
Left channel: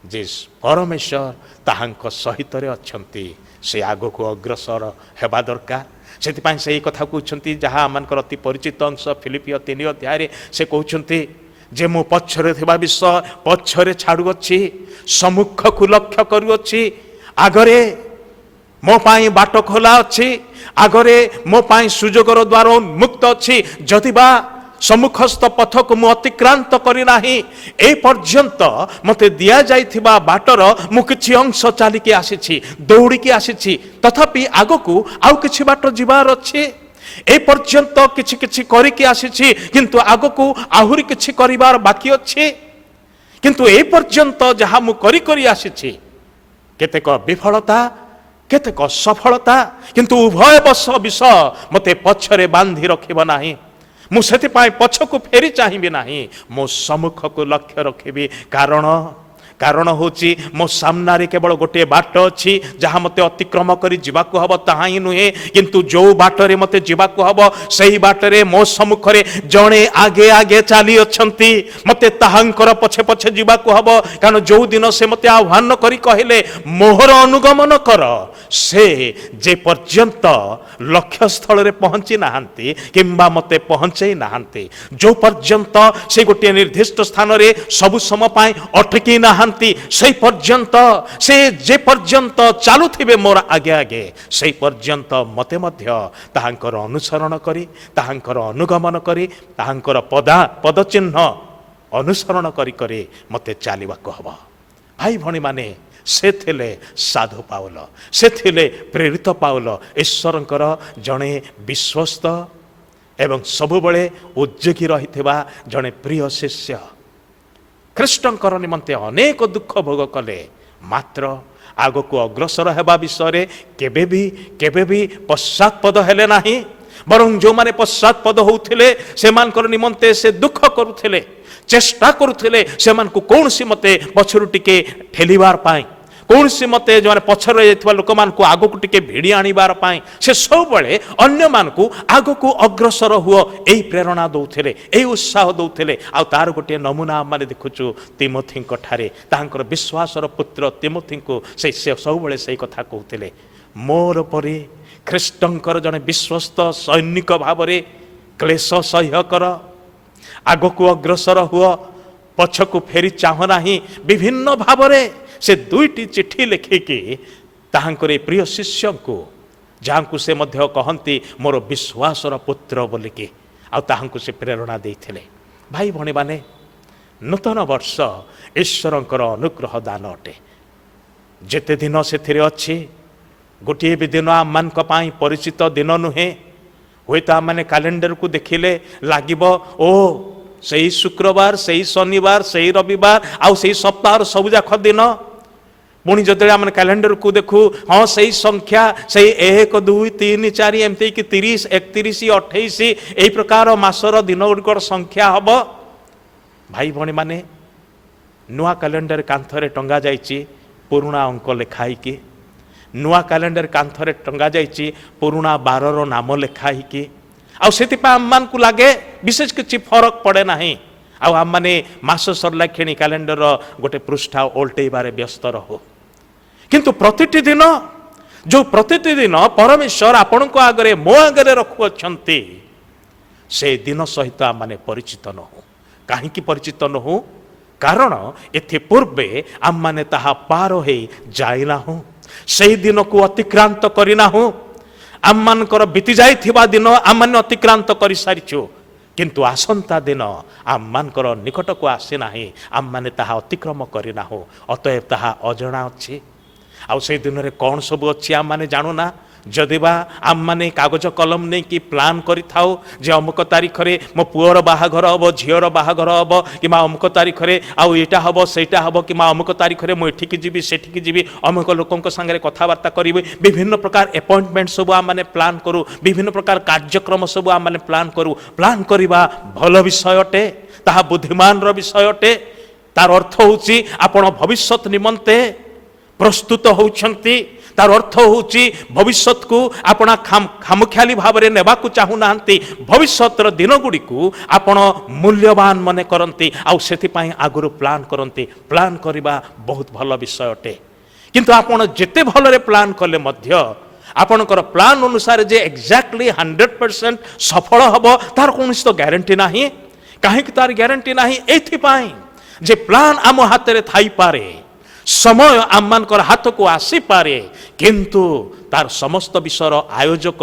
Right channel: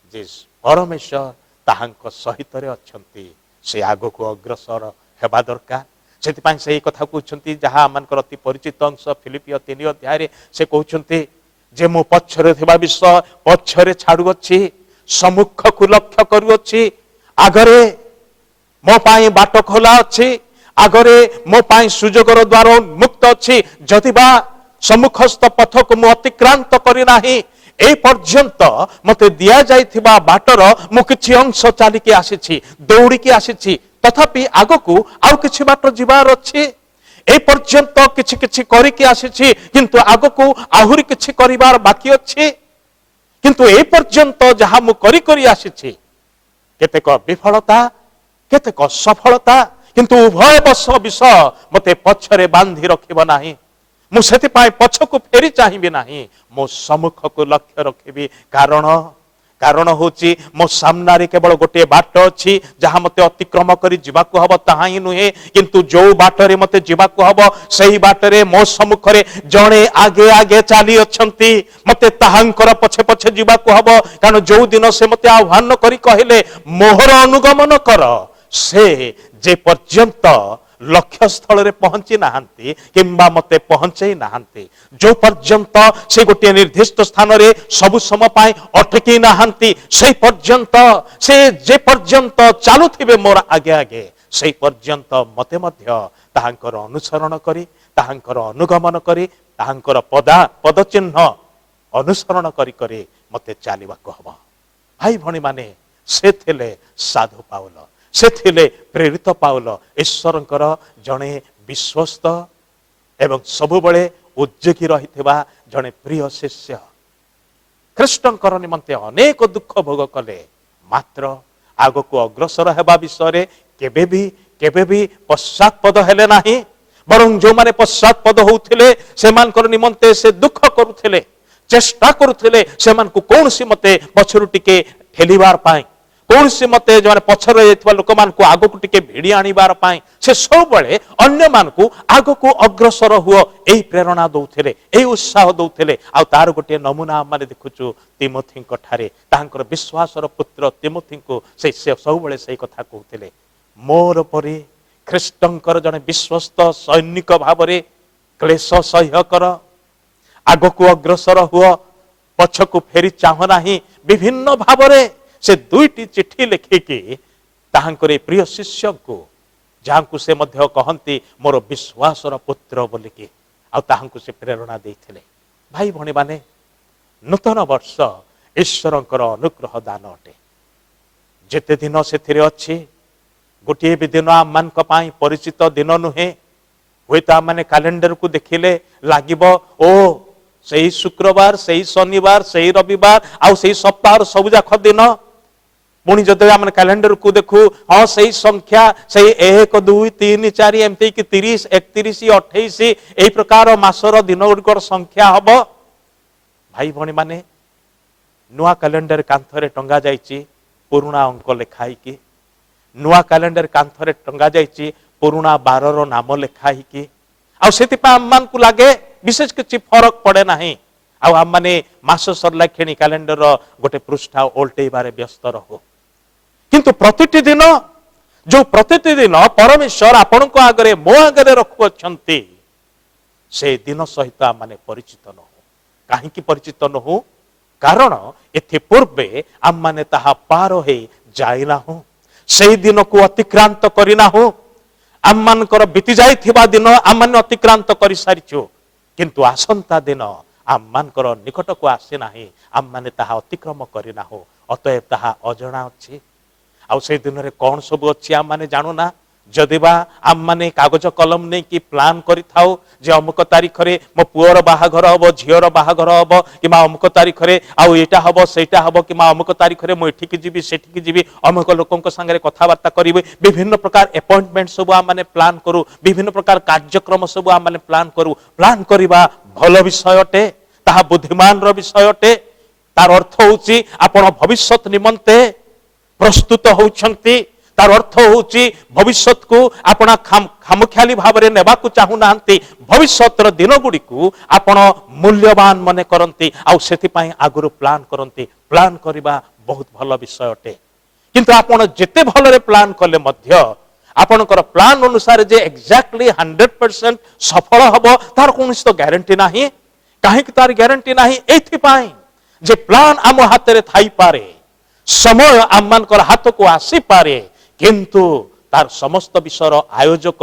ଯେ ପରମେଶ୍ୱର ତାହାଙ୍କ ସହିତରେ ଅଛନ୍ତି। ସେ ଆଗକୁ ଅଗ୍ରସର ହେବା ଦରକାର। ସେଥିପାଇଁ ସେହି କଥା କହୁଛନ୍ତି ଯାହା ଆମମାନଙ୍କର ଅତି ପରିଚିତ ଅଂଶ ଫିଲିପିଓ 3 ଅଧ୍ୟାୟରେ ସେ କହୁଛନ୍ତି ଯେ ମୁଁ ପଛରେ ଥିବା ବିଷୟ ପଛରେ ଛାଡୁଅଛି, ସମ୍ମୁଖକୁ ଲକ୍ଷ୍ୟ କରୁଅଛି। ଆଗରେ ମୋ ପାଇଁ ବାଟ ଖୋଲା ଅଛି, ଆଗରେ ମୋ ପାଇଁ ସୁଯୋଗର ଦ୍ୱାର ଉନ୍ମୁକ୍ତ ଅଛି। ଯଦି ବା ସମ୍ମୁଖସ୍ଥ ପଥକୁ ମୁଁ ଅତିକ୍ରାନ୍ତ କରିନାହିଁ, ଏ ପର୍ଯ୍ୟନ୍ତ ମୋତେ ଦିଆଯାଇଥିବା ବାଟର ମୁଁ କିଛି ଅଂଶ ଚାଲିକି ଆସିଛି, ଦୌଡ଼ିକି ଆସିଛି, ତଥାପି ଆଗକୁ ଆଉ କିଛି ବାଟ ଯିବାର ଅଛି। ଏ ପର୍ଯ୍ୟନ୍ତ କିଛି କିଛି କରିକି ଆସିଛି, କିନ୍ତୁ ଆଗକୁ ଆହୁରି କିଛି କରିବାର ବାକି ଅଛି। କିନ୍ତୁ ଏ ପର୍ଯ୍ୟନ୍ତ ଯାହା ମୁଁ କରି କରି ଆସିଛି, କେତେକ ବିଫଳତା, କେତେକ ସଫଳତା, କିନ୍ତୁ ଉଭୟ ବିଷୟ ମୋତେ ପଛରେ ବାନ୍ଧି ରଖିବ ନାହିଁ। ମୁଁ ସେଥିପାଇଁ ପଛକୁ ଫେରି ଚାହିଁବି ନାହିଁ, ମୁଁ ସମ୍ମୁଖକୁ ଲକ୍ଷ୍ୟ ରଖିବି। କାରଣ ହେଉଛି ମୋ ସାମ୍ନାରେ କେବଳ ଗୋଟିଏ ବାଟ ଅଛି ଯାହା ମୋତେ ଅତିକ୍ରମ କରି ଯିବାକୁ ହବ, ତାହା ହିଁ ନୁହେଁ। କିନ୍ତୁ ଯେଉଁ ବାଟରେ ମୋତେ ଯିବାକୁ ହବ ସେହି ବାଟରେ ମୋ ସମ୍ମୁଖରେ ଜଣେ ଆଗେ ଆଗେ ଚାଲି ଅଛନ୍ତି, ମୋତେ ତାହାଙ୍କର ପଛେ ପଛେ ଯିବାକୁ ହବ। କାରଣ ଯେଉଁ ଦିନ ସେ ମୋତେ ଆହ୍ୱାନ କରି କହିଲେ ମୋହର ଅନୁଗମନ କର, ସେ ଯେ ପର୍ଯ୍ୟନ୍ତ ଲକ୍ଷ୍ୟସ୍ଥଳରେ ପହଞ୍ଚି ନାହାନ୍ତି କିମ୍ବା ମୋତେ ପହଞ୍ଚେଇ ନାହାନ୍ତି, ଯେଉଁ ପର୍ଯ୍ୟନ୍ତ ସେ ଗୋଟିଏ ନିର୍ଦ୍ଦିଷ୍ଟ ସ୍ଥାନରେ ସବୁ ସମୟ ପାଇଁ ଅଟକି ନାହାନ୍ତି, ସେହି ପର୍ଯ୍ୟନ୍ତ ସେ ଯେ ପର୍ଯ୍ୟନ୍ତ ଚାଲୁଥିବେ ମୋର ଆଗେ ଆଗେ, ସେହି ପର୍ଯ୍ୟନ୍ତ ମୋତେ ମଧ୍ୟ ତାହାଙ୍କର ଅନୁସରଣ କରି, ତାହାଙ୍କର ଅନୁଗମନ କରି, ତାହାଙ୍କର ପଦଚିହ୍ନ ଅନୁସରଣ କରି କରି ମୋତେ ଚାଲିବାକୁ ହବ। ଭାଇ ଭଉଣୀମାନେ, ସେ ଥିଲେ ସାଧୁ ପାଉଲ, ସେ ଥିଲେ ପ୍ରେରିତ ପାଉଲ, ଈଶ୍ୱରଙ୍କର ଜଣେ ବିଶ୍ୱସ୍ତ ଏବଂ ସବୁବେଳେ ଉଦ୍ଯୋଗୀ ରହିଥିବା ଜଣେ ପ୍ରିୟ ଶିଷ୍ୟ। ଖ୍ରୀଷ୍ଟଙ୍କର ନିମନ୍ତେ ଅନେକ ଦୁଃଖ ଭୋଗ କଲେ, ମାତ୍ର ଆଗକୁ ଅଗ୍ରସର ହେବା ବିଷୟରେ କେବେ ବି ପଶ୍ଚାତ୍ପଦ ହେଲେ ନାହିଁ। ବରଂ ଯେଉଁମାନେ ପଶ୍ଚାତ୍ପଦ ହେଉଥିଲେ ସେମାନଙ୍କର ନିମନ୍ତେ ସେ ଦୁଃଖ କରୁଥିଲେ, ଚେଷ୍ଟା କରୁଥିଲେ ସେମାନଙ୍କୁ କୌଣସି ମତେ ପଛରୁ ଟିକେ ଠେଲିବାର ପାଇଁ, କୌଣସି ମତେ ଯେଉଁମାନେ ପଛରେ ଯାଇଥିବା ଲୋକମାନଙ୍କୁ ଆଗକୁ ଟିକେ ଭିଡ଼ି ଆଣିବାର ପାଇଁ ସେ ସବୁବେଳେ ଅନ୍ୟମାନଙ୍କୁ ଆଗକୁ ଅଗ୍ରସର ହୁଅ ଏହି ପ୍ରେରଣା ଦେଉଥିଲେ, ଏହି ଉତ୍ସାହ ଦେଉଥିଲେ। ଆଉ ତାର ଗୋଟିଏ ନମୁନା ଆମେ ଦେଖୁଛୁ ତିମୋଥୀଙ୍କ ଠାରେ। ତାଙ୍କର ବିଶ୍ୱାସର ପୁତ୍ର ତିମୋଥୀଙ୍କୁ ସେ ସବୁବେଳେ ସେଇ କଥା କହୁଥିଲେ, ମୋର ପରି ଖ୍ରୀଷ୍ଟଙ୍କର ଜଣେ ବିଶ୍ୱସ୍ତ ସୈନିକ ଭାବରେ କ୍ଲେଶ ସହ୍ୟ କର, ଆଗକୁ ଅଗ୍ରସର ହୁଅ, ପଛକୁ ଫେରି ଚାହୁଁ ନାହିଁ। ବିଭିନ୍ନ ଭାବରେ ସେ 2ଟି ଚିଠି ଲେଖିକି ତାହାଙ୍କର ପ୍ରିୟ ଶିଷ୍ୟଙ୍କୁ, ଯାହାଙ୍କୁ ସେ ମଧ୍ୟ କହନ୍ତି ମୋର ବିଶ୍ୱାସର ପୁତ୍ର ବୋଲିକି, ଆଉ ତାହାଙ୍କୁ ସେ ପ୍ରେରଣା ଦେଇଥିଲେ। ଭାଇ ଭଉଣୀମାନେ, ନୂତନ ବର୍ଷ ଈଶ୍ୱରଙ୍କର ଅନୁଗ୍ରହ ଦାନ ଅଟେ। ଯେତେ ଦିନ ସେଥିରେ ଅଛି, ଗୋଟିଏ ବି ଦିନ ଆମମାନଙ୍କ ପାଇଁ ପରିଚିତ ଦିନ ନୁହେଁ। ହୁଏତ ଆମମାନେ କ୍ୟାଲେଣ୍ଡରକୁ ଦେଖିଲେ ଲାଗିବ ଓ ସେଇ ଶୁକ୍ରବାର, ସେଇ ଶନିବାର, ସେଇ ରବିବାର, ଆଉ ସେଇ ସପ୍ତାହର ସବୁଯାକ ଦିନ। ପୁଣି ଯଦି ଆମେ କ୍ୟାଲେଣ୍ଡରକୁ ଦେଖୁ, ହଁ ସେଇ ସଂଖ୍ୟା ସେଇ 1, 2, 3, 4 ଏମିତି କି 30, 31, 28 ଏହି ପ୍ରକାର ମାସର ଦିନ ଗୁଡ଼ିକର ସଂଖ୍ୟା ହବ। ଭାଇ ଭଉଣୀମାନେ, ନୂଆ କ୍ୟାଲେଣ୍ଡର କାନ୍ଥରେ ଟଙ୍ଗା ଯାଇଛି ପୁରୁଣା ଅଙ୍କ ଲେଖା ହେଇକି, ନୂଆ କ୍ୟାଲେଣ୍ଡର କାନ୍ଥରେ ଟଙ୍ଗା ଯାଇଛି ପୁରୁଣା ବାରର ନାମ ଲେଖା ହେଇକି। ଆଉ ସେଥିପାଇଁ ଆମମାନଙ୍କୁ ଲାଗେ ବିଶେଷ କିଛି ଫରକ ପଡ଼େ ନାହିଁ। ଆଉ ଆମମାନେ ମାସ ସରିଲା କ୍ଷଣି କ୍ୟାଲେଣ୍ଡର ଗୋଟେ ପୃଷ୍ଠା ଓଲଟେଇବାରେ ବ୍ୟସ୍ତ ରହୁ। କିନ୍ତୁ ପ୍ରତିଟି ଦିନ, ଯେଉଁ ପ୍ରତିଟି ଦିନ ପରମେଶ୍ୱର ଆପଣଙ୍କ ଆଗରେ ମୋ ଆଗରେ ରଖୁଅଛନ୍ତି, ସେ ଦିନ ସହିତ ଆମମାନେ ପରିଚିତ ନହୁ। କାହିଁକି ପରିଚିତ ନହୁ? କାରଣ ଏଥିପୂର୍ବେ ଆମମାନେ ତାହା ପାର ହେଇ ଯାଇନାହୁଁ, ସେହି ଦିନକୁ ଅତିକ୍ରାନ୍ତ କରିନାହୁଁ। ଆମମାନଙ୍କର ବିତି ଯାଇଥିବା ଦିନ ଆମମାନେ ଅତିକ୍ରାନ୍ତ କରିସାରିଛୁ, କିନ୍ତୁ ଆସନ୍ତା ଦିନ ଆମମାନଙ୍କର ନିକଟକୁ ଆସିନାହିଁ, ଆମମାନେ ତାହା ଅତିକ୍ରମ କରିନାହୁଁ। ଅତଏବ ତାହା ଅଜଣା ଅଛି। ଆଉ ସେଇ ଦିନରେ କ'ଣ ସବୁ ଅଛି ଆମମାନେ ଜାଣୁନା। ଯଦିବା ଆମମାନେ କାଗଜ କଲମ ନେଇକି ପ୍ଲାନ୍ କରିଥାଉ ଯେ ଅମୁକ ତାରିଖରେ ମୋ ପୁଅର ବାହାଘର ହେବ, ଝିଅର ବାହାଘର ହେବ, କିମ୍ବା ଅମୁକ ତାରିଖରେ ଆଉ ଏଇଟା ହେବ ସେଇଟା ହେବ, କିମ୍ବା ଅମୁକ ତାରିଖରେ ମୁଁ ଏଠିକି ଯିବି ସେଠିକି ଯିବି, ଅମୁକ ଲୋକଙ୍କ ସାଙ୍ଗରେ କଥାବାର୍ତ୍ତା କରିବି, ବିଭିନ୍ନ ପ୍ରକାର ଆପଏଣ୍ଟମେଣ୍ଟ ସବୁ ଆମମାନେ ପ୍ଲାନ୍ କରୁ, ବିଭିନ୍ନ ପ୍ରକାର କାର୍ଯ୍ୟକ୍ରମ ସବୁ ଆମମାନେ ପ୍ଲାନ୍ କରୁ। ପ୍ଲାନ୍ କରିବା ଭଲ ବିଷୟ ଅଟେ, ତାହା ବୁଦ୍ଧିମାନର ବିଷୟ ଅଟେ। ତାର ଅର୍ଥ ହେଉଛି ଆପଣ ଭବିଷ୍ୟତ ନିମନ୍ତେ ପ୍ରସ୍ତୁତ ହେଉଛନ୍ତି। ତାର ଅର୍ଥ ହେଉଛି ଭବିଷ୍ୟତକୁ ଆପଣ ଖାମଖିଆଲି ଭାବରେ ନେବାକୁ ଚାହୁଁନାହାନ୍ତି, ଭବିଷ୍ୟତର ଦିନଗୁଡ଼ିକୁ ଆପଣ ମୂଲ୍ୟବାନ ମନେ କରନ୍ତି, ଆଉ ସେଥିପାଇଁ ଆଗରୁ ପ୍ଲାନ୍ କରନ୍ତି। ପ୍ଲାନ୍ କରିବା ବହୁତ ଭଲ ବିଷୟ ଅଟେ, କିନ୍ତୁ ଆପଣ ଯେତେ ଭଲରେ ପ୍ଲାନ୍ କଲେ ମଧ୍ୟ आपणकर प्लान अनुसार जे एक्जाक्टली 100% सफल हब तार कौन तो ग्यारंटी नहीं कहीं तार ग्यारंटी नहीं एथिपाई जे प्लान आम हाथ में थाई पारे समय आम मानकर हाथ को आसी पारे किंतु तार समस्त विषयर आयोजक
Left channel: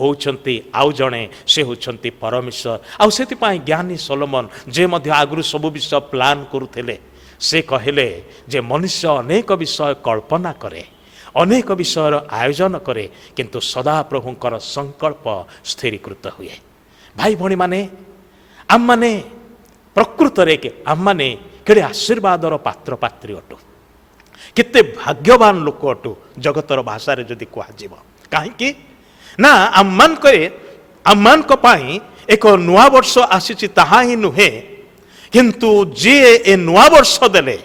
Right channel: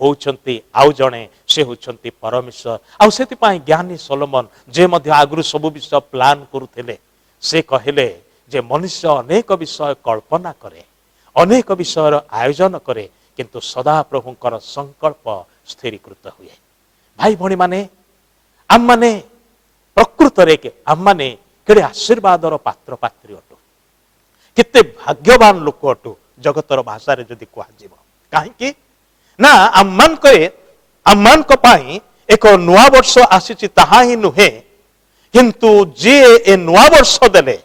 होउछंती आउ जणे से होउछंती परमेश्वर आउ सेतिपाई ज्ञानी सोलोमन जे मध्य आगुरु सब विषय प्लान करुथिले से कहले जे मनुष्य अनेक विषय कल्पना करे अनेक विषयर आयोजन करे किंतु सदा प्रभुंकर संकल्प स्थिरीकृत हुए। भाई भणी माने आम माने प्रकृत रे के आम माने केड़े आशीर्वादर पात्र पात्री अटु केते भाग्यवान लोक अटु जगतर भाषा रे जदि कुआ जीव काहे ना आम्मानक पाई एक नुआ वर्ष आसीची ताहा ही नुहे किंतु जे ए नुआ वर्ष देले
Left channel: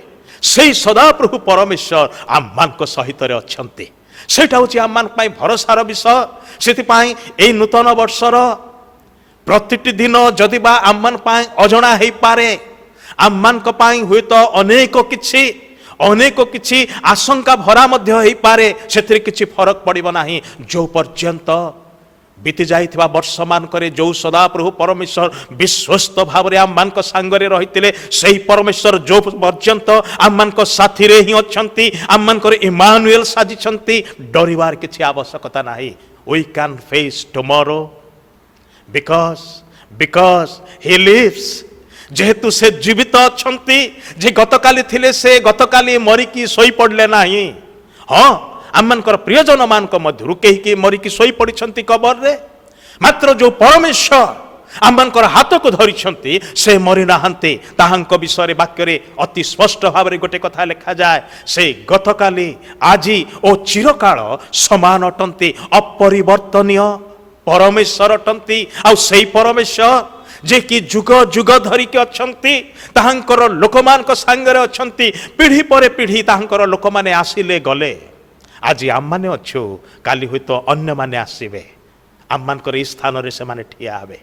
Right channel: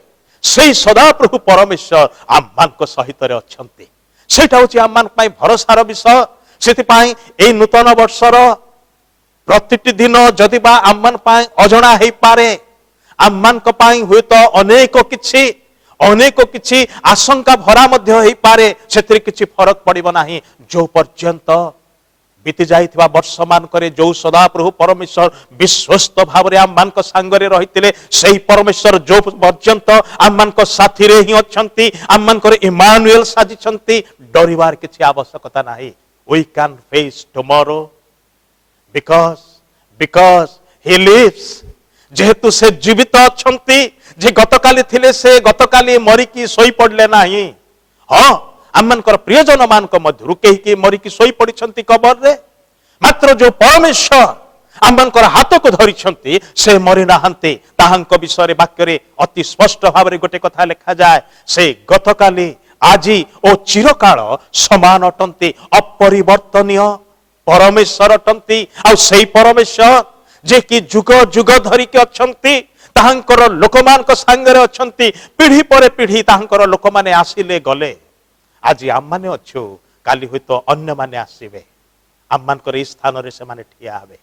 से सदा प्रभु परमेश्वर आम्मानक सहित रे अछंती सेटा होची आम्मान पाई भरोसार विषय सेति पाई ए नूतन वर्षर प्रतिटी दिन जदि बा आम्मान पाई अजणा हेई पारे आम्मानक पाई हुए तो अनेक किछि आशंका भरा मध्य हेई पारे सेतिर किछि फरक पड़िबो नाही जो पर्यंत बीती जाइथिबा वर्ष मान करे जो सदा प्रभु परमेश्वर विश्वस्त भाव रे आम मानक संगरे रहितिले सेही परमेश्वर जो पर्यंत आम मानक साथी रे ही अछंती आम मानकर इमानुएल साजिछंती डरिवार किछि आवश्यकता नाही we can face tomorrow because he lives जेहेतु से जीवित अछंती जे गतकाली थिले से गतकाली मरिकी सोई पड़ले नाही हाँ आमनकर प्रियजन मानक मध्यरु केही के मरिकी सोई पड़िछंती कबर रे मात्र जो परमेश्वर आमनकर हाथ को धरिछंती से मरि नाहंती ताहांक विषय वाक्य रे अति स्पष्ट भाव रे गोटे कथा लिखा जाए से गतकाली आजी ओ चिरकाल समान अटंती अपरिवर्तनीय परमेश्वर अटंती आ सेही परमेश्वर जे कि जुग जुग धरिके अछंती ताहांकर लोकमानक संगरे अछंती पीढ़ी पर पीढ़ी ताहांकर लोक माने आसिले गले आज आम माने अछु काली हुई तो अन्य माने आसीबे आम मानकर इस स्थान रे से माने ठिया हेबे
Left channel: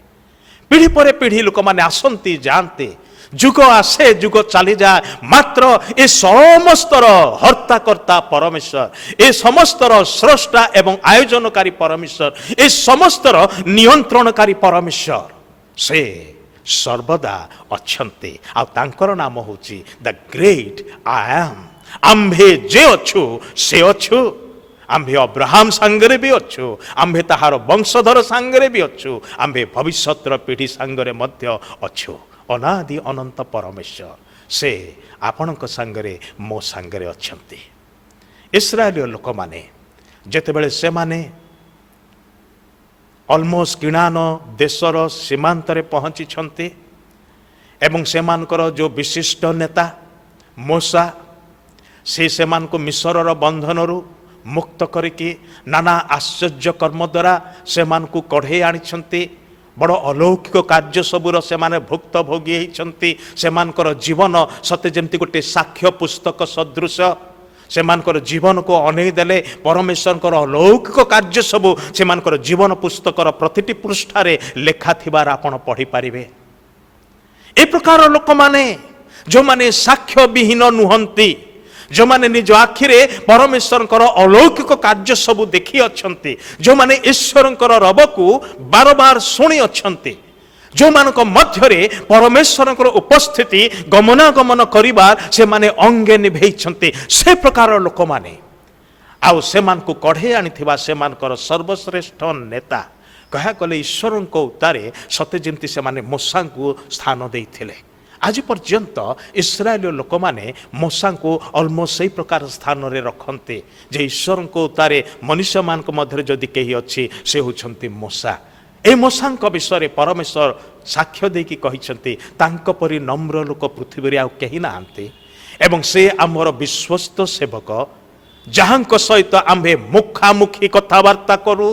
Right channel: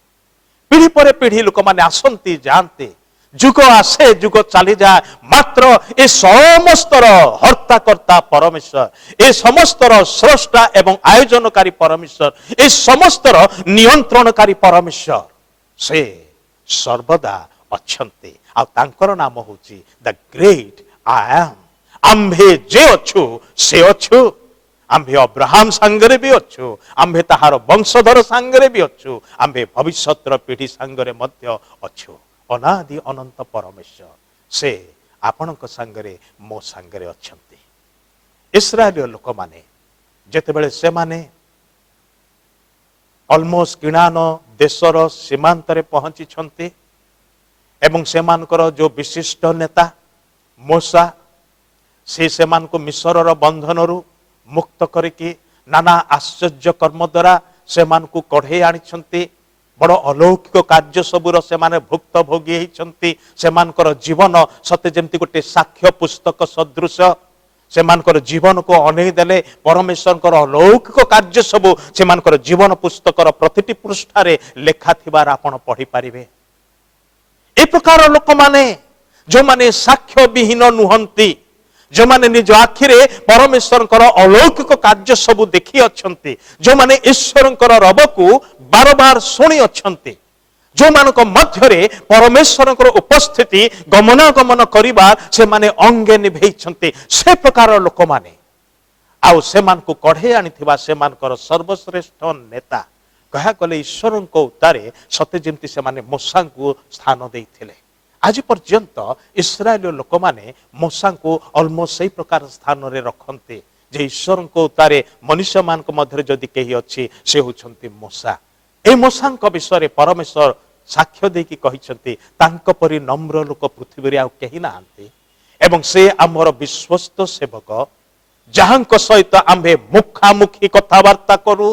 पीढ़ी पर पीढ़ी लोक माने आसंती जानते जुग आसे जुग चली जाए मात्र ए समस्तर हर्ता कर्ता परमेश्वर ए समस्तर स्रष्टा एवं आयोजनकारी परमेश्वर ए समस्तर नियंत्रणकारी परमेश्वर से सर्वदा अच्छन्ते आ तांकर नाम होची द ग्रेट आई एम आम्भे जे अच्छु से अच्छु आम्भे अब्राहम सांगरे भी अच्छु आम्भे ताहार वंशधर सांगरे भी अच्छु आम्भे भविष्यतर पीढ़ी सांगरे मध्य अच्छु अनादि अनंत परमेश्वर से आपणक सांगरे मो सांगरे अच्छन्ते। इस्राएल लोक माने जेतेबेले से माने अलमोस्ट किणान देशर सीमांतरे पहुंची छंती एवं सेमानकर जो विशिष्ट नेता मूसा से मान को मिस्रर बंधनरु मुक्त करिकी नाना आश्चर्य कर्म द्वारा से मान को कढ़े आनी बड़ अलौकिक कार्य सबुर से माने भुक्त भोगी होती से मानकर जीवन सते जमती गोटे साक्ष्य पुस्तक सदृश से मानकर जीवन को अनेई देले परमेश्वर अलौकिक कार्य सबु से मानकर जीवन पुस्तकर प्रतिटी पृष्ठारे लेखा थिबार आपण पढ़ी पारिबे। ए प्रकार लोक माने जो माने साक्ष्य विहीन नुहंती जो माने निज आखिरे परमेश्वर अलौकिक कार्य सबु देखी अछंती जो माने ईश्वर रब को बार बार शुणी अछंती जो मानक मध्यरे परमेश्वर उपस्थिति गमनागमन करिबार से माने अंगे निभेइछंती से प्रकार लोक माने आउ से मान को कढ़े आनिथिबा से मानकर सर्वश्रेष्ठ नेता कहा कले ईश्वर उतारे सते जेमती से माने मूसा को स्थान देइथिले आज पर्यंत इस्राएल लोक माने मूसा को ऑलमोस्ट सही प्रकार स्थान रे रखंते जे ईश्वर उतारे मनुष्य मान मध्य जदि कही अच्छी से होछंती मूसा ए मूसा विषय परमेश्वर साक्ष्य देकी कहिसंती तांको परि नम्र लोक पृथ्वी रे आ कहि नांती एवं से आमर विश्वस्त सेवक जहांक सहित आम्भे मुखामुखी कथबार्ता करू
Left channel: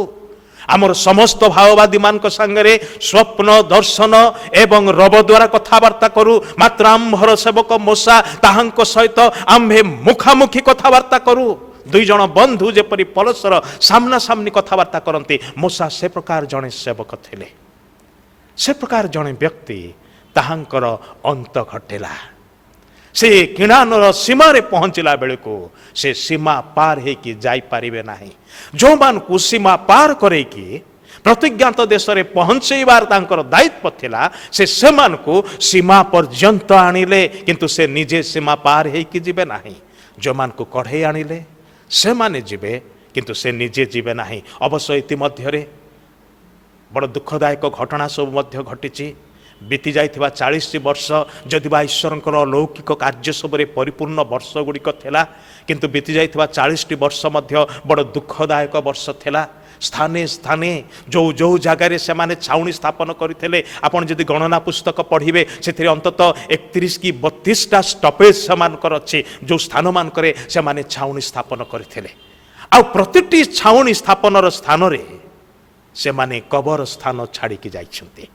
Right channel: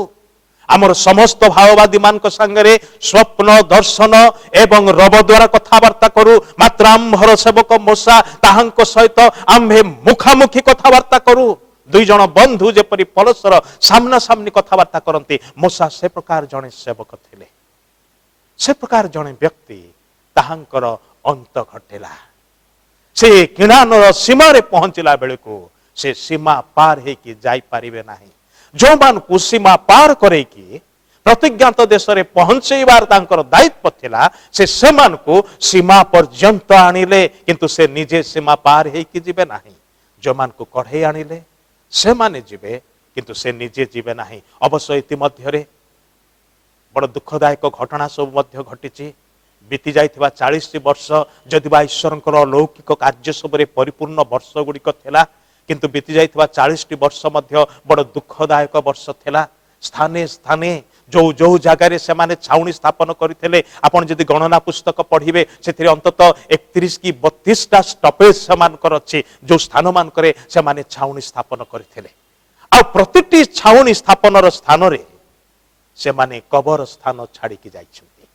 आमर समस्त भाववादी मान संगे स्वप्न दर्शन एवं रब द्वारा कथबार्ता करू मात्र आम्भर सेवक मूसा ताहांक सहित आम्भे मुखामुखी कथबार्ता करू दुई जन बंधु जेपरी परस्पर सामना सामनी कथबार्ता करती मूसा से प्रकार जड़े सेवक थिले से प्रकार जड़े व्यक्ति ताहांकर अंत घटेला से किणानर सीमारे पहुंचला बेले को से सीमा पार होकि जाइपारे ना। जो मानू सीमा पार करे कि प्रतिज्ञात देश में पहुंचेबार तांकर दायित्व थिला से सेमानकु सीमा पर्यंत आनिले किंतु से निजे सीमा पार होकि जिबे नाही। जो मानकु कढ़े आनिले से माने जिबे किंतु से निजे जिबे नाही। अवश्य इतिमध्यरे बड़ दुखदायक घटना सब मध्य घटिची। बीती जाइथिबा 40 वर्ष जदिबा ईश्वरंकर अलौकिक कार्य सबरे परिपूर्ण वर्ष गुड़िक थिला किंतु बीती जाइथिबा 40 वर्ष मध्य बड़ दुखदायक वर्ष थिला। स्थाने स्थाने जो जो जगार से माने छाउनी स्थापन करथिले आपण जदि गणना पुस्तक पढ़िबे सेथिरे अंतत 31 की 32टा स्टपेज समानकर अछि जो स्थान मानकरे से माने छाउनी स्थापन करथिले। आ प्रतिटी छाउनी स्थापनर स्थान रे से माने कबर स्थान छाड़ी की जाइछन्ते।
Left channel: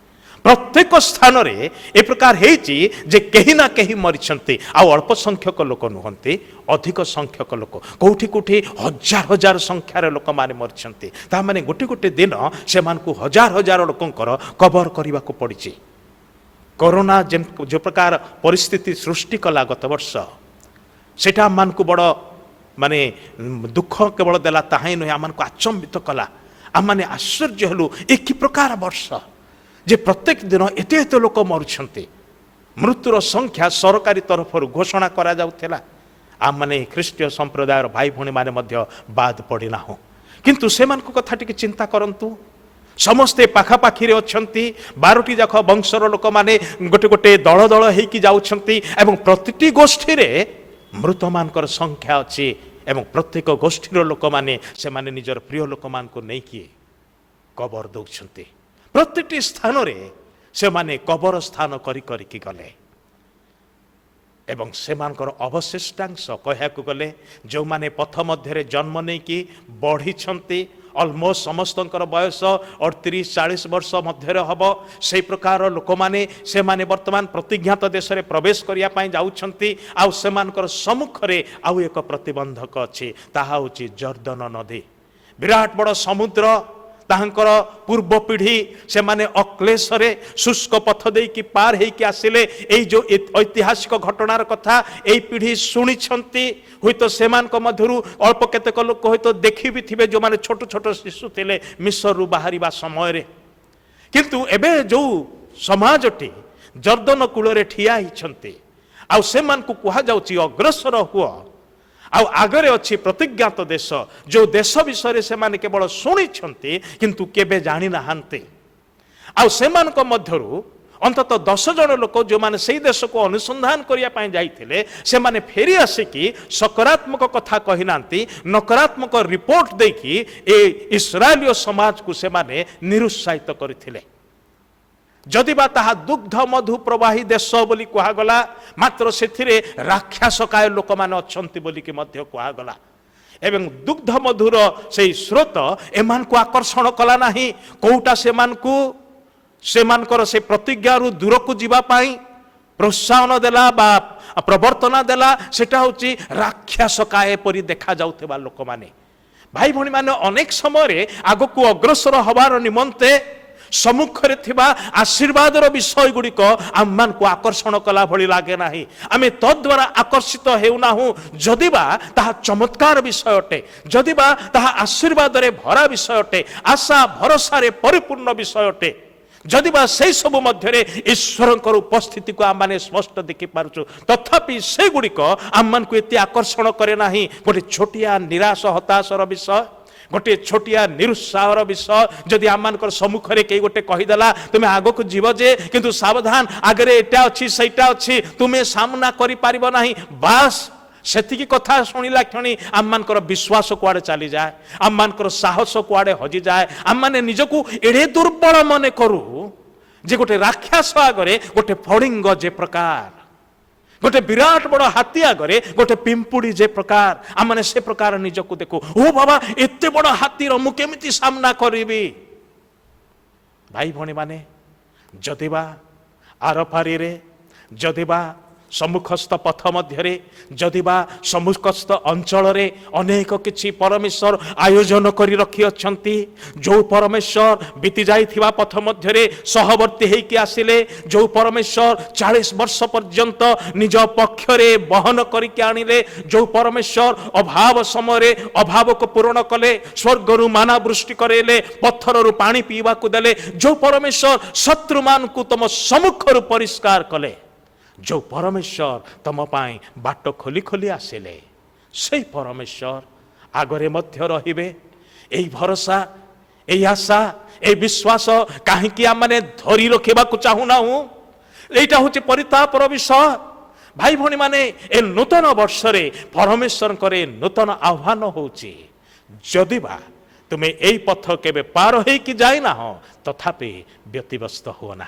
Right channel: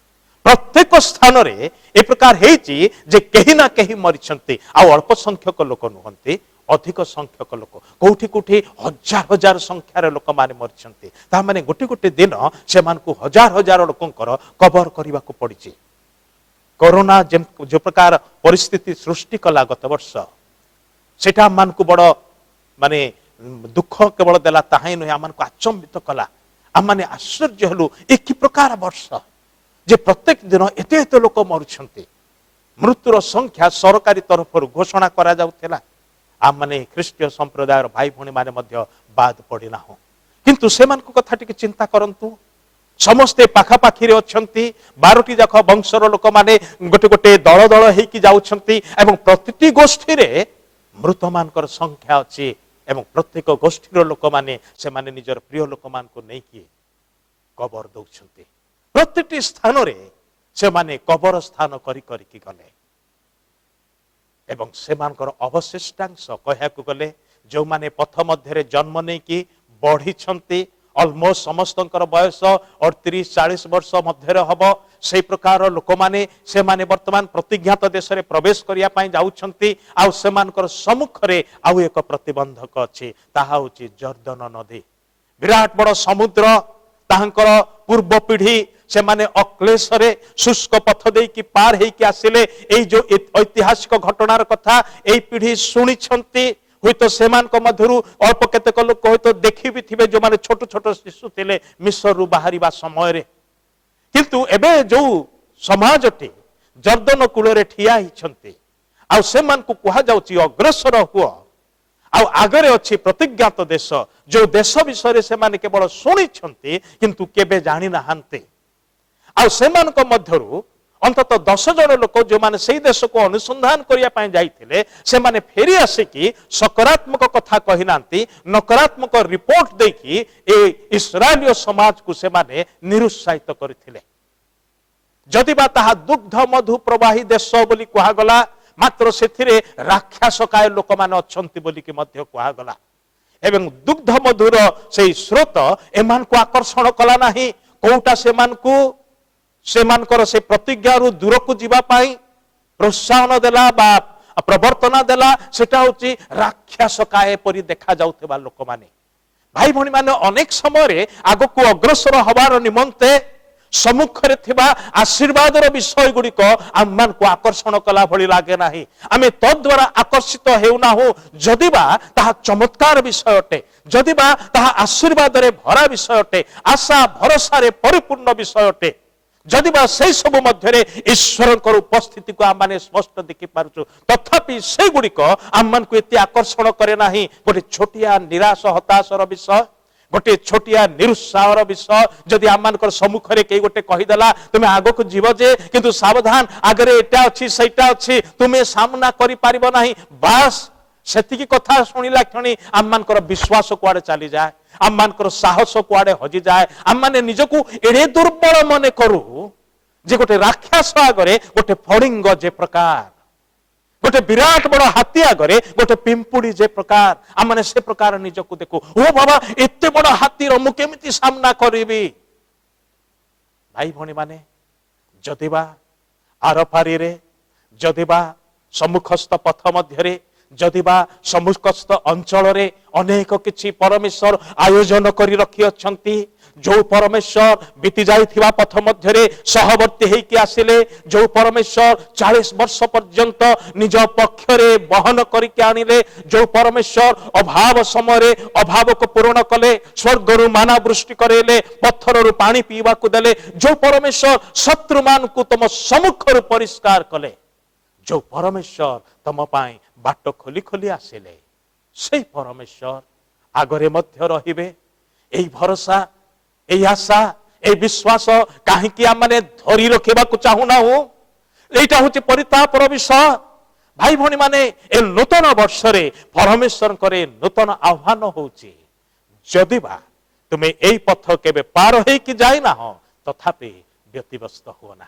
प्रत्येक स्थान रे ए प्रकार हेची जे कहीं ना कहीं मरिछन्ते। आ अल्प संख्यक लोक नुहंते अधिक संख्यक लोक कोठी कोठी हजार हजार संख्यार लोक माने मरिछन्ते। ता माने गोटे गोटे दिन से मानकु हजार हजार लोकंकर कबर करबा को पड़िछि। कोरोना जो प्रकार परिस्थिति सृष्टि कला गत वर्ष सेटा मानकु बड़ माने दुख केवल देला ताहाई नुहे आमानकु आचंबित कला। आम माने आश्चर्य हलु एक प्रकार वर्ष जे प्रत्येक दिन एते एते लोक मरुछन्ते। मृत्युर संख्या सरकारी तरफ घोषणा करा जाउथेला। आम माने ख्रीष्टीय संप्रदाय भाई भणी माने मध्य बाद पड़िना हो किंतु सेमानकु कथा टिके चिंता करंतु। समस्ते पाखापाखी अछंती 12टी जाक वंशर लोक माने गोटे गोटे दल दल हेकी जाउछंती एवं प्रतिटी गोष्ठी रे मृत मानकर संख्या अछि एवं प्रत्येक गोष्ठीर लोक माने से माने निजर प्रिय लोक मान को नहीं किए कबर दउछंती। प्रत्येकटी स्थान रे से माने कबर स्थान करी करी की गले एवं से मानकर अवशिष्टांश कहयाकु गले जो माने पथ मध्य जन्म नहीं कि बढ़ी छंती अलमोस्ट समस्तंकर बयस 38-40 वर्ष मध्य हब से प्रकार लोक माने से माने वर्तमान प्रतिज्ञात देश रे प्रवेश करिया पई जाउछंती। आ से मानकर सम्मुख रे आउ एक प्रतिबंधक अछि ताहा होछि जर्दन नदी। विराट बड़ समुद्र ताहंकर पूर्व पीढ़ी से माने अक्लेश रे शुष्क पथ दे कि पार हेकि आसिले। ए जो ऐतिहासिक घटनार कथा ए पीढ़ी सुनी छंती। हुई तो सेमान को मध्यरु अल्प केतेक लोक हुई तो देखि भी थिबे जो माने छोट छोट शिशु थिले मिस्र रु बाहरिबा समय रे। किंतु एबे जो समाजटी जर्दन कूल रे ठिया हिछंती आ सेमान को कुहा जाउची अग्रसर हुआ आ आगरे अछि प्रतिज्ञात देश जो देश विषय से माने केवल सुनी छंती किंतु केबे जानि नाहांते। आ सेमान को मध्यरु अंतत 10 जन लोक जो माने सही देश को अनुसंधान करिया पाए जाइथिले से माने फेरी आसिकी सकारात्मक कथा कहि नांती नकारात्मक रिपोर्ट देखि ए इस्राएलीय समाज को से माने निरुत्साहित करथिले। जदि बा ताहा दुग्ध मधु प्रवाही देश बोली कुहा गला मात्र सेथिरे राक्षसकाय लोक माने अछंती बोली कि मध्य कुहा गला एवं दुग्ध मधुर से स्रोत एमान को आकर्षण कला नाही। कोउटा सेमानकर से प्रतिज्ञा रु दूर को जीवा पाई प्रोत्साहन देला बा प्रवर्तना देला सेटा होची राक्षसकाय परि देखा जाउथबा लोक माने। भाई भणी माने अनेक समय रे आगो को अग्रसर हबार निमंते सम्मुख रे थिबा आशीर्वादर विषय गुड़िक आम मान को आकर्षण कला भली लागे नाही। आमे तद द्वारा आकर्षित हेउना हो जदिबा ताहा चमत्कार विषय अटे जदिबा ताहा आशीर्वाद रे भरा विषय अटे आशा भरोसा रे परिपूर्ण विषय अटे जदिबा से सब मध्य ईश्वर उपस्थिति को आम मैंने स्पष्ट देखि पारुछु तथापि से गुड़िक आम मान को एते आकर्षण करे नाही। गोटे छोटिया निराश हताशर विषय गोटे छोटिया निरुत्साहर विषय जदि आम मान सम्मुख रे के गोटे कहीदेला तुम्हें आग को जीव जे किंतु सावधान आगरे एटा अच्छी सैटा अच्छी तुम्हें सामना करि पारिबो नाही बास सेतिकी कथा शुणिला क्षणी आम मानकर विश्वास कुआड़े चली जाए आम मानकर साहस कुआड़े हजि जाए आम माने निजकू एड़े दुर्बल मने करू जे गोटे राक्षस आगरे गोटे फड़िंग जे प्रकार गोटे विराट बड़ हाथी आगरे गोटे पिंपुड़ी जे प्रकार आम माने से प्रकार निजकू देखू ओ बाबा एते बड़ हाथीर मु केमिति सामना करिबी। भाई भणी माने जदिबा आरपारी रे जदिबा सम्मुखस्थ पथ मध्य जदिबा सम्मुखस्थ अंचल अनेक किछि परमेश्वर आयोजन करी रखी अछंती जो परमेश्वर बीती जाइथिबा पथ मध्य सहवर्ती हेकि आसिले जो परमेश्वर 40 वर्ष पर्यंत निज पक्षरे बहन करके आनिले जो परमेश्वर अभाव समय अभाव को पूर्ण कले स्वर्गरु माना वृष्टि करेले पत्थररु पानी पीवा को देले जो परमेश्वर शत्रु मान को तुम सम्मुखरु परिष्कार कले जो परमेश्वर तुम पाई बाट खोली खोली आसिले से परमेश्वर आगरे मध्य रहिबे एई भरोसा एई आशा ए विश्वास कहीं आम मैंने धरी रखा चाहूना हूँ यहीटा हूँ परितापर विषय भाई भौणी माने ए नूतन वर्ष परमेश्वर नूतन आह्वान होची जदिबा तुम्हें यही पथ केबे पार हो कि जाइना हो तथापि व्यतिव्यस्त हो ना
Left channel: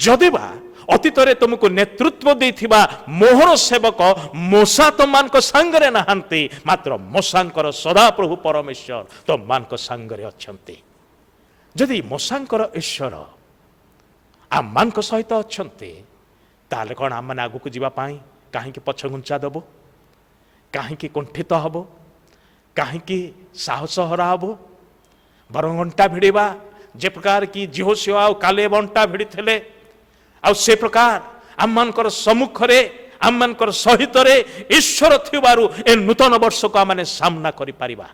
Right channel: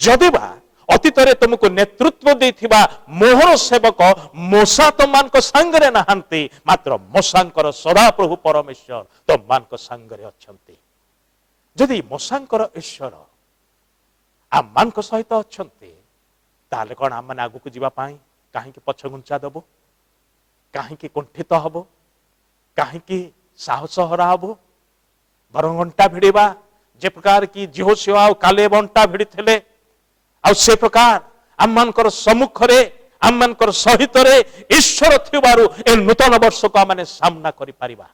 जदिबा अतीत तुमको नेतृत्व देथिबा मोहर सेवक मोसा तुम सांगरे नहांती मात्र मोसांकर सदा प्रभु परमेश्वर तुम सांगरे अछंती जदि मोसांकर ईश्वर आम मान सहित अछंती ताले कौन आम मैंने आगू जावाई कहीं पछघुंचा देबो कहीं कुंठित हब कहीं साहस हरा हब बरं अंटा भिड़ा जे प्रकार की जिहोशुआ और कालेब अंटा भिड़ी थे आ से प्रकार आम मानकर सम्मुख आम मानकर सहित ईश्वर थिबारु ए नूतन वर्ष को आम सामना करि परिबा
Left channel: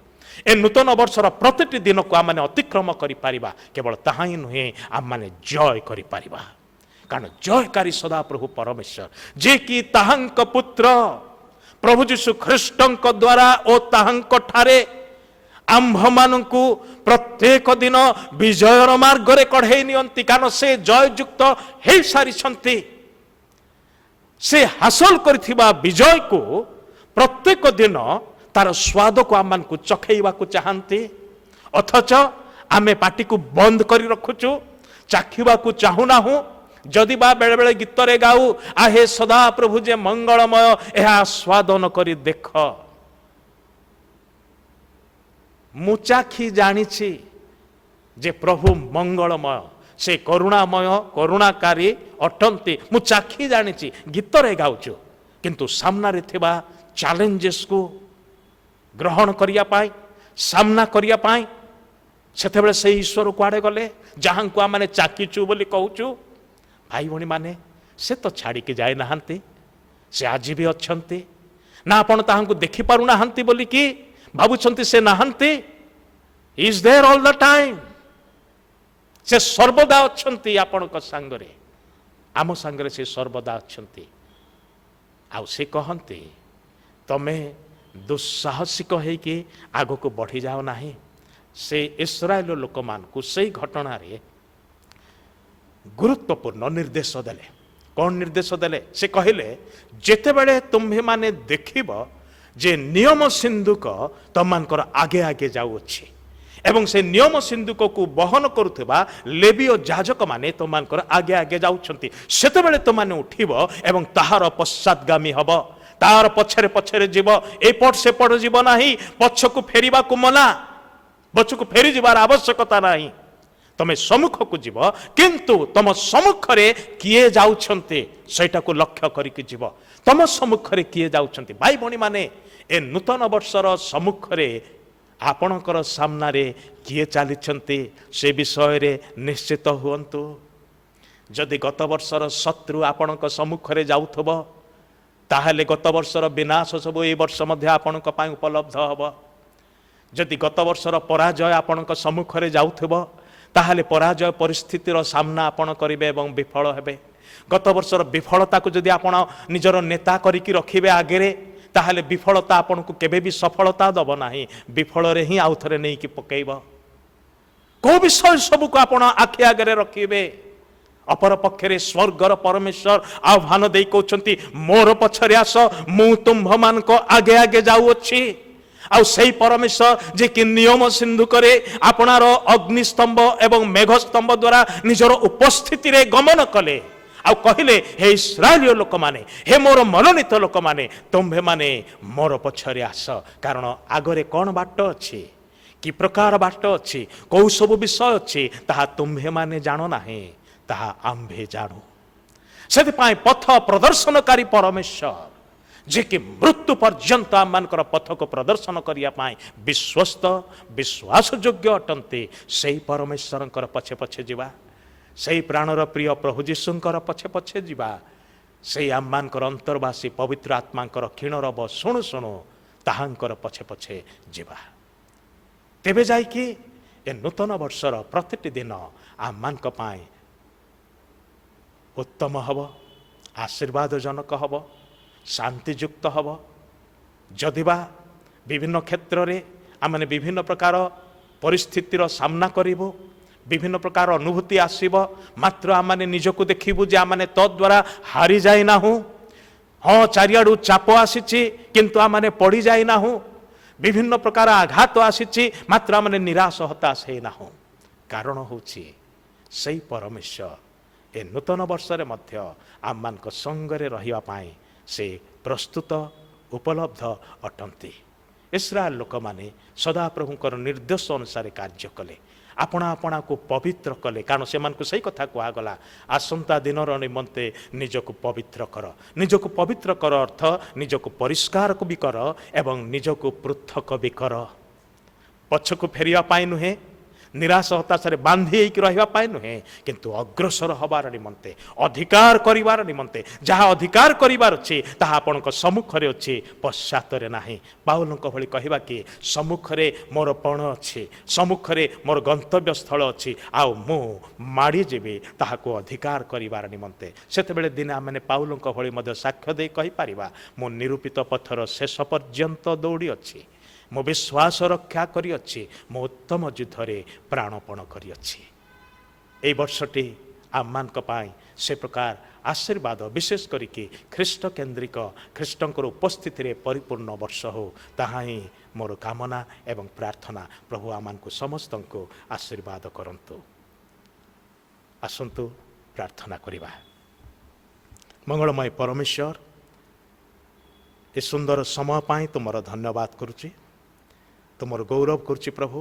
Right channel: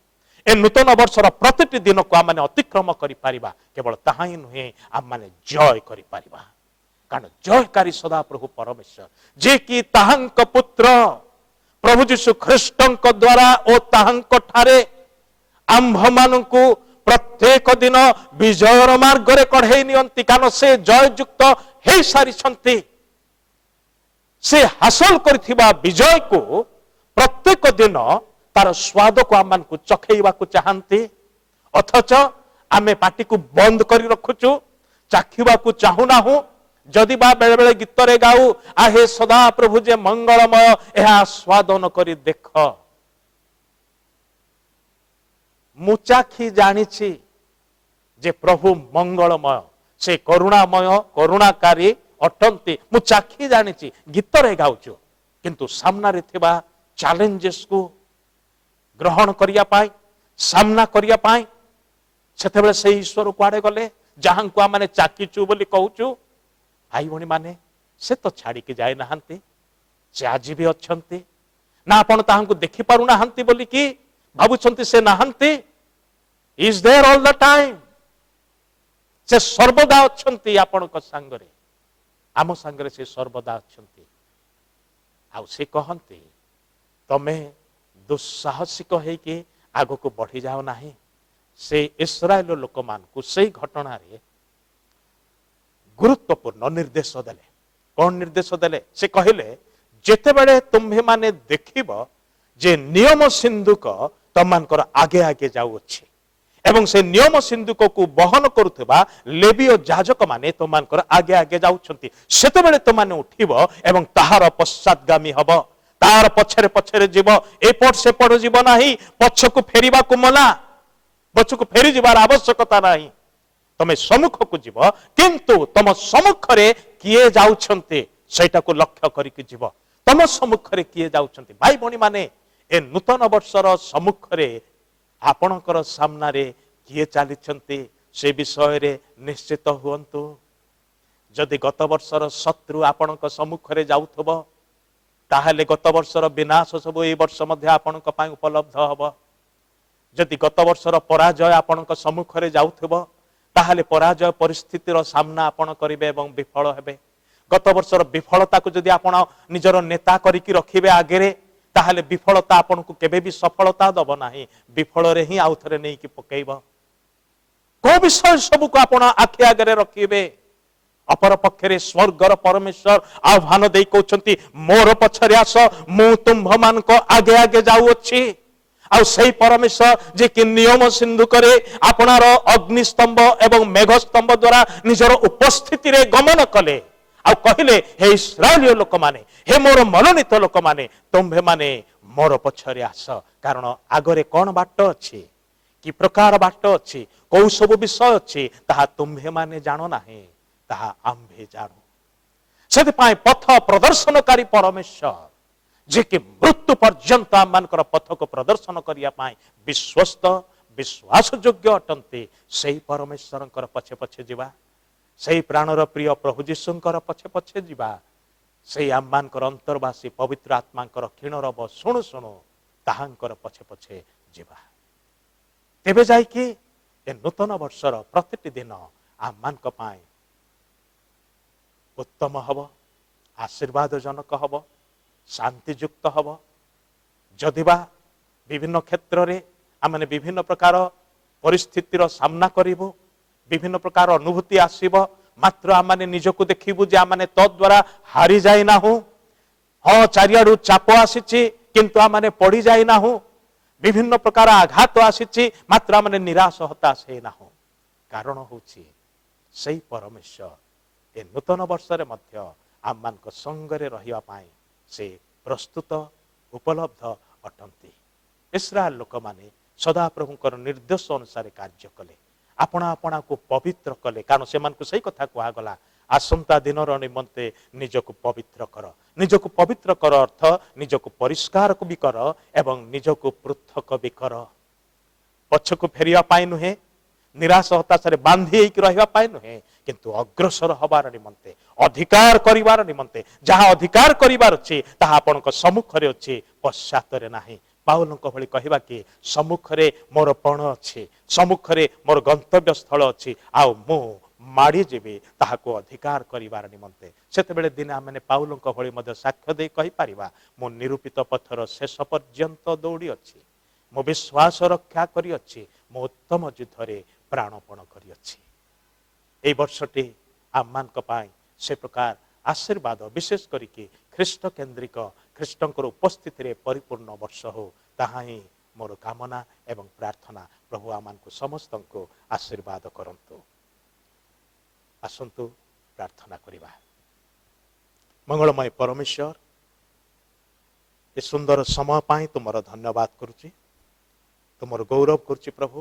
ए नूतन वर्षर प्रतिटी दिन को आम अतिक्रम करि परिबा केवल ताहा ही नुहे आम माने जय करि परिबा कारण जयकारी सदा प्रभु परमेश्वर जे कि ताहांक पुत्र प्रभु जीशु ख्रीष्टंक द्वारा ओ ताहांक ठारे आंभ मानकु प्रत्येक दिन विजयर मार्ग रे कढ़े नियंती कारण से जययुक्त हो सारी से हासिल करथिबा विजय को प्रत्येक दिन तार स्वाद को आम को चखेवा को चाहती अथच आमे पार्टी को बंद करी रखुचु चाखिबा को चाहूना हूं जदि बा बेले बेले गीत रे गाऊ आहे सदा प्रभु जे मंगलमय यह स्वादन करी देख मु चाखी जानी जे प्रभु मंगलमय से करुणामय करुणाकारी अटंती मु चाखी जानी गीत रे गाउछु किंतु सामना रे थिबा चैलेंजेस को ग्रहण करिया पाई सामना करिया पाई सेतेबेले से ईश्वर कुआडे गले जहां को माने चाकीचु बोली कहूचु भाई भणी माने से तो छाड़ी के जाए नहांती से आज भी अच्छंती ना आपण ताहांकु देखि पारु नहांती बोली कि भाबुछंती से नहांती is there all the time से सर्वदा अच्छंती आपणक संगरे आम संगरे से सर्वदा अच्छंती आ से कहंती तमे दुस्साहसिक होइके आगो को बढ़ी जाओ नाही से इस्राएल लोक मान को से घटना रे गुरुत्वपूर्ण निर्देश देले कौन निर्देश देले से कहले जेते बेले तुम्हे माने देखिब जे नियम सिंधुक तमनकर आगे आगे जाऊ अछि एवं से नियम सिंधुक को बहन करुवा लेवीय जाजक माने तमनकर आगे आगे जाउछंती सेते बेले तमाने उठिब एवं ताहार पश्चातगामी हब तार पछरे पछरे जीव एपट सेपट जीव नाही पछकु फेरिबा को मना पछकु फेरी जीवार आवश्यकता नाही तमे सम्मुख को जीव किंतु तम सम्मुख रे किए जाउछंती सेटा को लक्ष्य करिक जीव तम सम्मुख रे किए जाउछंती भाई भणी माने ए नूतन वर्षर सम्मुख रे आपणकर सामना रे किए चलीछंती से विषय रे निश्चित हुअन्तु जदि गत वर्षर शत्रु आपणक सम्मुख रे जाउथबो ताहले गत वर्षर विनाश सब ए वर्ष मध्य आपणक पाई उपलब्ध हबो जदि गत वर्षर पराजय आपणक सम्मुख रे जाउथबो ताहले पराजय परिस्थितिर सामना आपण करिवे एवं विफल हेबे गत वर्षर विफलता को जदि आपण निजर नेता करिकि रखिबे आगेरे ताहले विफलता आपण को केबे भी सफलता दब नाही विफल रे ही आउथरे नै कि पकेइबो को विषय सब को आपण आखि आगरे रखिबे अपर पक्षरे स्वर्गर परमेश्वर आह्वान दे कहउछंती मोर पछरे आस मु तुम्भ मान को आगे आगे जाऊ अछि आ सही परमेश्वर जे कि नियम सिंधु करे आपणार अग्निस्तंभ एवं मेघस्तंभ द्वारा निजर उपस्थिति रे गमन कले आ कहले हे इस्राएलिय लोक माने हे मोर मनोनीत लोक माने तुम्भे माने मोर पछरे आस कारण आगरे कोन बाट अछि कि प्रकार बाट अछि को सब विषय अछि ताहा तुम्भे माने जानो नाही ताहा आम्भे जानो ସେଥିପାଇଁ ପଥ ପ୍ରଦର୍ଶନକାରୀ ପରମେଶ୍ୱର ଯେ କି ମୃତ୍ୟୁ ପର୍ଯ୍ୟନ୍ତ ଆମମାନଙ୍କର ପଥକୁ ପ୍ରଦର୍ଶନ କରିବା ପାଇଁ ବିଶ୍ୱସ୍ତ ବିଶ୍ୱାସଯୋଗ୍ୟ ଅଟନ୍ତି। ସେହି ପରମେଶ୍ୱରଙ୍କର ପଛେ ପଛେ ଯିବା, ସେହି ପ୍ରାଣର ପ୍ରିୟ ପ୍ରଭୁ ଯୀଶୁଙ୍କର ପଛେ ପଛେ ଯିବା, ସେହି ଆମମାନଙ୍କର ଅନ୍ତର୍ବାସୀ ପବିତ୍ର ଆତ୍ମାଙ୍କର କ୍ଷୀଣରବ ଶୁଣୁ ଶୁଣୁ ତାହାଙ୍କର ପଛେ ପଛେ ଯିବା। ତେବେ ଯାଇକି ଏ ନୂତନ ବର୍ଷର ପ୍ରତିଟି ଦିନ ଆମମାନଙ୍କ ପାଇଁ ଉତ୍ତମ ହେବ, ଆଶୀର୍ବାଦଜନକ ହେବ, ଶାନ୍ତିଯୁକ୍ତ ହେବ। ଯଦିବା ବିଭିନ୍ନ କ୍ଷେତ୍ରରେ ଆମେ ବିଭିନ୍ନ ପ୍ରକାର ପରିସ୍ଥିତିର ସାମ୍ନା କରିବୁ, ବିଭିନ୍ନ ପ୍ରକାର ଅନୁଭୂତି ଆସିବ, ମାତ୍ର ଆମେ ନିଜକୁ ଦେଖିବୁ ଯେ ଆମେ ତଦ୍ୱାରା ହାରି ଯାଇନାହୁଁ। ହଁ, ଚାରିଆଡ଼ୁ ଚାପ ଆସିଛି କିନ୍ତୁ ଆମେ ପଡ଼ି ଯାଇନାହୁଁ। ବିଭିନ୍ନ ପ୍ରକାର ଆଘାତ ଆସିଛି ମାତ୍ର ଆମେ ନିରାଶ ହତାଶ ହେଇନାହୁଁ। କାରଣ ହେଉଛି ସେହି ପରମେଶ୍ୱର ଏ ନୂତନ ବର୍ଷରେ ମଧ୍ୟ ଆମମାନଙ୍କ ସଙ୍ଗରେ ରହିବା ପାଇଁ ସେ ପ୍ରସ୍ତୁତ ଉପଲବ୍ଧ ଅଟନ୍ତି। ଇସ୍ରାଏଲ ଲୋକମାନେ ସଦାପ୍ରଭୁଙ୍କର ନିର୍ଦ୍ଦେଶ ଅନୁସାରେ କାର୍ଯ୍ୟ କଲେ, ଆପଣା ଆପଣାକୁ ପବିତ୍ର କଲେ। କାରଣ ସେମାନଙ୍କୁ ସେହି କଥା କୁହାଗଲା, ଆସନ୍ତା ଦିନର ନିମନ୍ତେ ନିଜକୁ ପବିତ୍ର କର। ନିଜକୁ ପବିତ୍ର କର ଅର୍ଥ ନିଜକୁ ପରିଷ୍କାର ବି କର ଏବଂ ନିଜକୁ ପୃଥକ ବି କର। ପଛକୁ ଫେରିବା ପାଇଁ ନୁହେଁ, ନିରାଶ ହତାଶରେ ବାନ୍ଧି ହେଇକି ରହିବା ପାଇଁ ନୁହେଁ, କିନ୍ତୁ ଅଗ୍ରସର ହେବାର ନିମନ୍ତେ, ଅଧିକାର କରିବାର ନିମନ୍ତେ। ଯାହା ଅଧିକାର କରିବାର ଅଛି ତାହା ଆପଣଙ୍କ ସମ୍ମୁଖରେ ଅଛି, ପଶ୍ଚାତରେ ନାହିଁ। ପାଉଲଙ୍କ ଭଳି କହିବା କି ସମ୍ମୁଖରେ ମୋର ପଣ ଅଛି, ସମ୍ମୁଖରେ ମୋର ଗନ୍ତବ୍ୟ ସ୍ଥଳ ଅଛି, ଆଉ ମୁଁ ମାଡ଼ି ଯିବି ତାହାକୁ ଅଧିକାର କରିବାର ନିମନ୍ତେ। ସେତେବେଳେ ଦିନେ ଆମେ ପାଉଲଙ୍କ ଭଳି ମଧ୍ୟ ସାକ୍ଷ୍ୟ ଦେଇ କହିପାରିବା, ମୁଁ ନିରୂପିତ ପଥର ଶେଷ ପର୍ଯ୍ୟନ୍ତ ଦୌଡ଼ି ଅଛି, ମୁଁ ବିଶ୍ୱାସ ରକ୍ଷା କରିଅଛି, ମୁଁ ଉତ୍ତମ ଯୁଦ୍ଧରେ ପ୍ରାଣପଣ କରିଅଛି। ଏହି ବର୍ଷଟି ଆମମାନଙ୍କ ପାଇଁ ସେ ପ୍ରକାର ଆଶୀର୍ବାଦ, ବିଶେଷ କରିକି ଖ୍ରୀଷ୍ଟ କେନ୍ଦ୍ରିକ, ଖ୍ରୀଷ୍ଟଙ୍କର ଉପସ୍ଥିତିରେ ପରିପୂର୍ଣ୍ଣ ବର୍ଷ ହେଉ, ତାହା ହିଁ ମୋର କାମନା ଏବଂ ପ୍ରାର୍ଥନା। ପ୍ରଭୁ ଆମମାନଙ୍କୁ ସମସ୍ତଙ୍କୁ ଆଶୀର୍ବାଦ କରନ୍ତୁ। ଆସନ୍ତୁ ପ୍ରାର୍ଥନା କରିବା। ମଙ୍ଗଳମୟ ପରମେଶ୍ୱର, ଏ ସୁନ୍ଦର ସମୟ ପାଇଁ ତୁମର ଧନ୍ୟବାଦ କରୁଛି, ତୁମର ଗୌରବ କରୁଛି ପ୍ରଭୁ।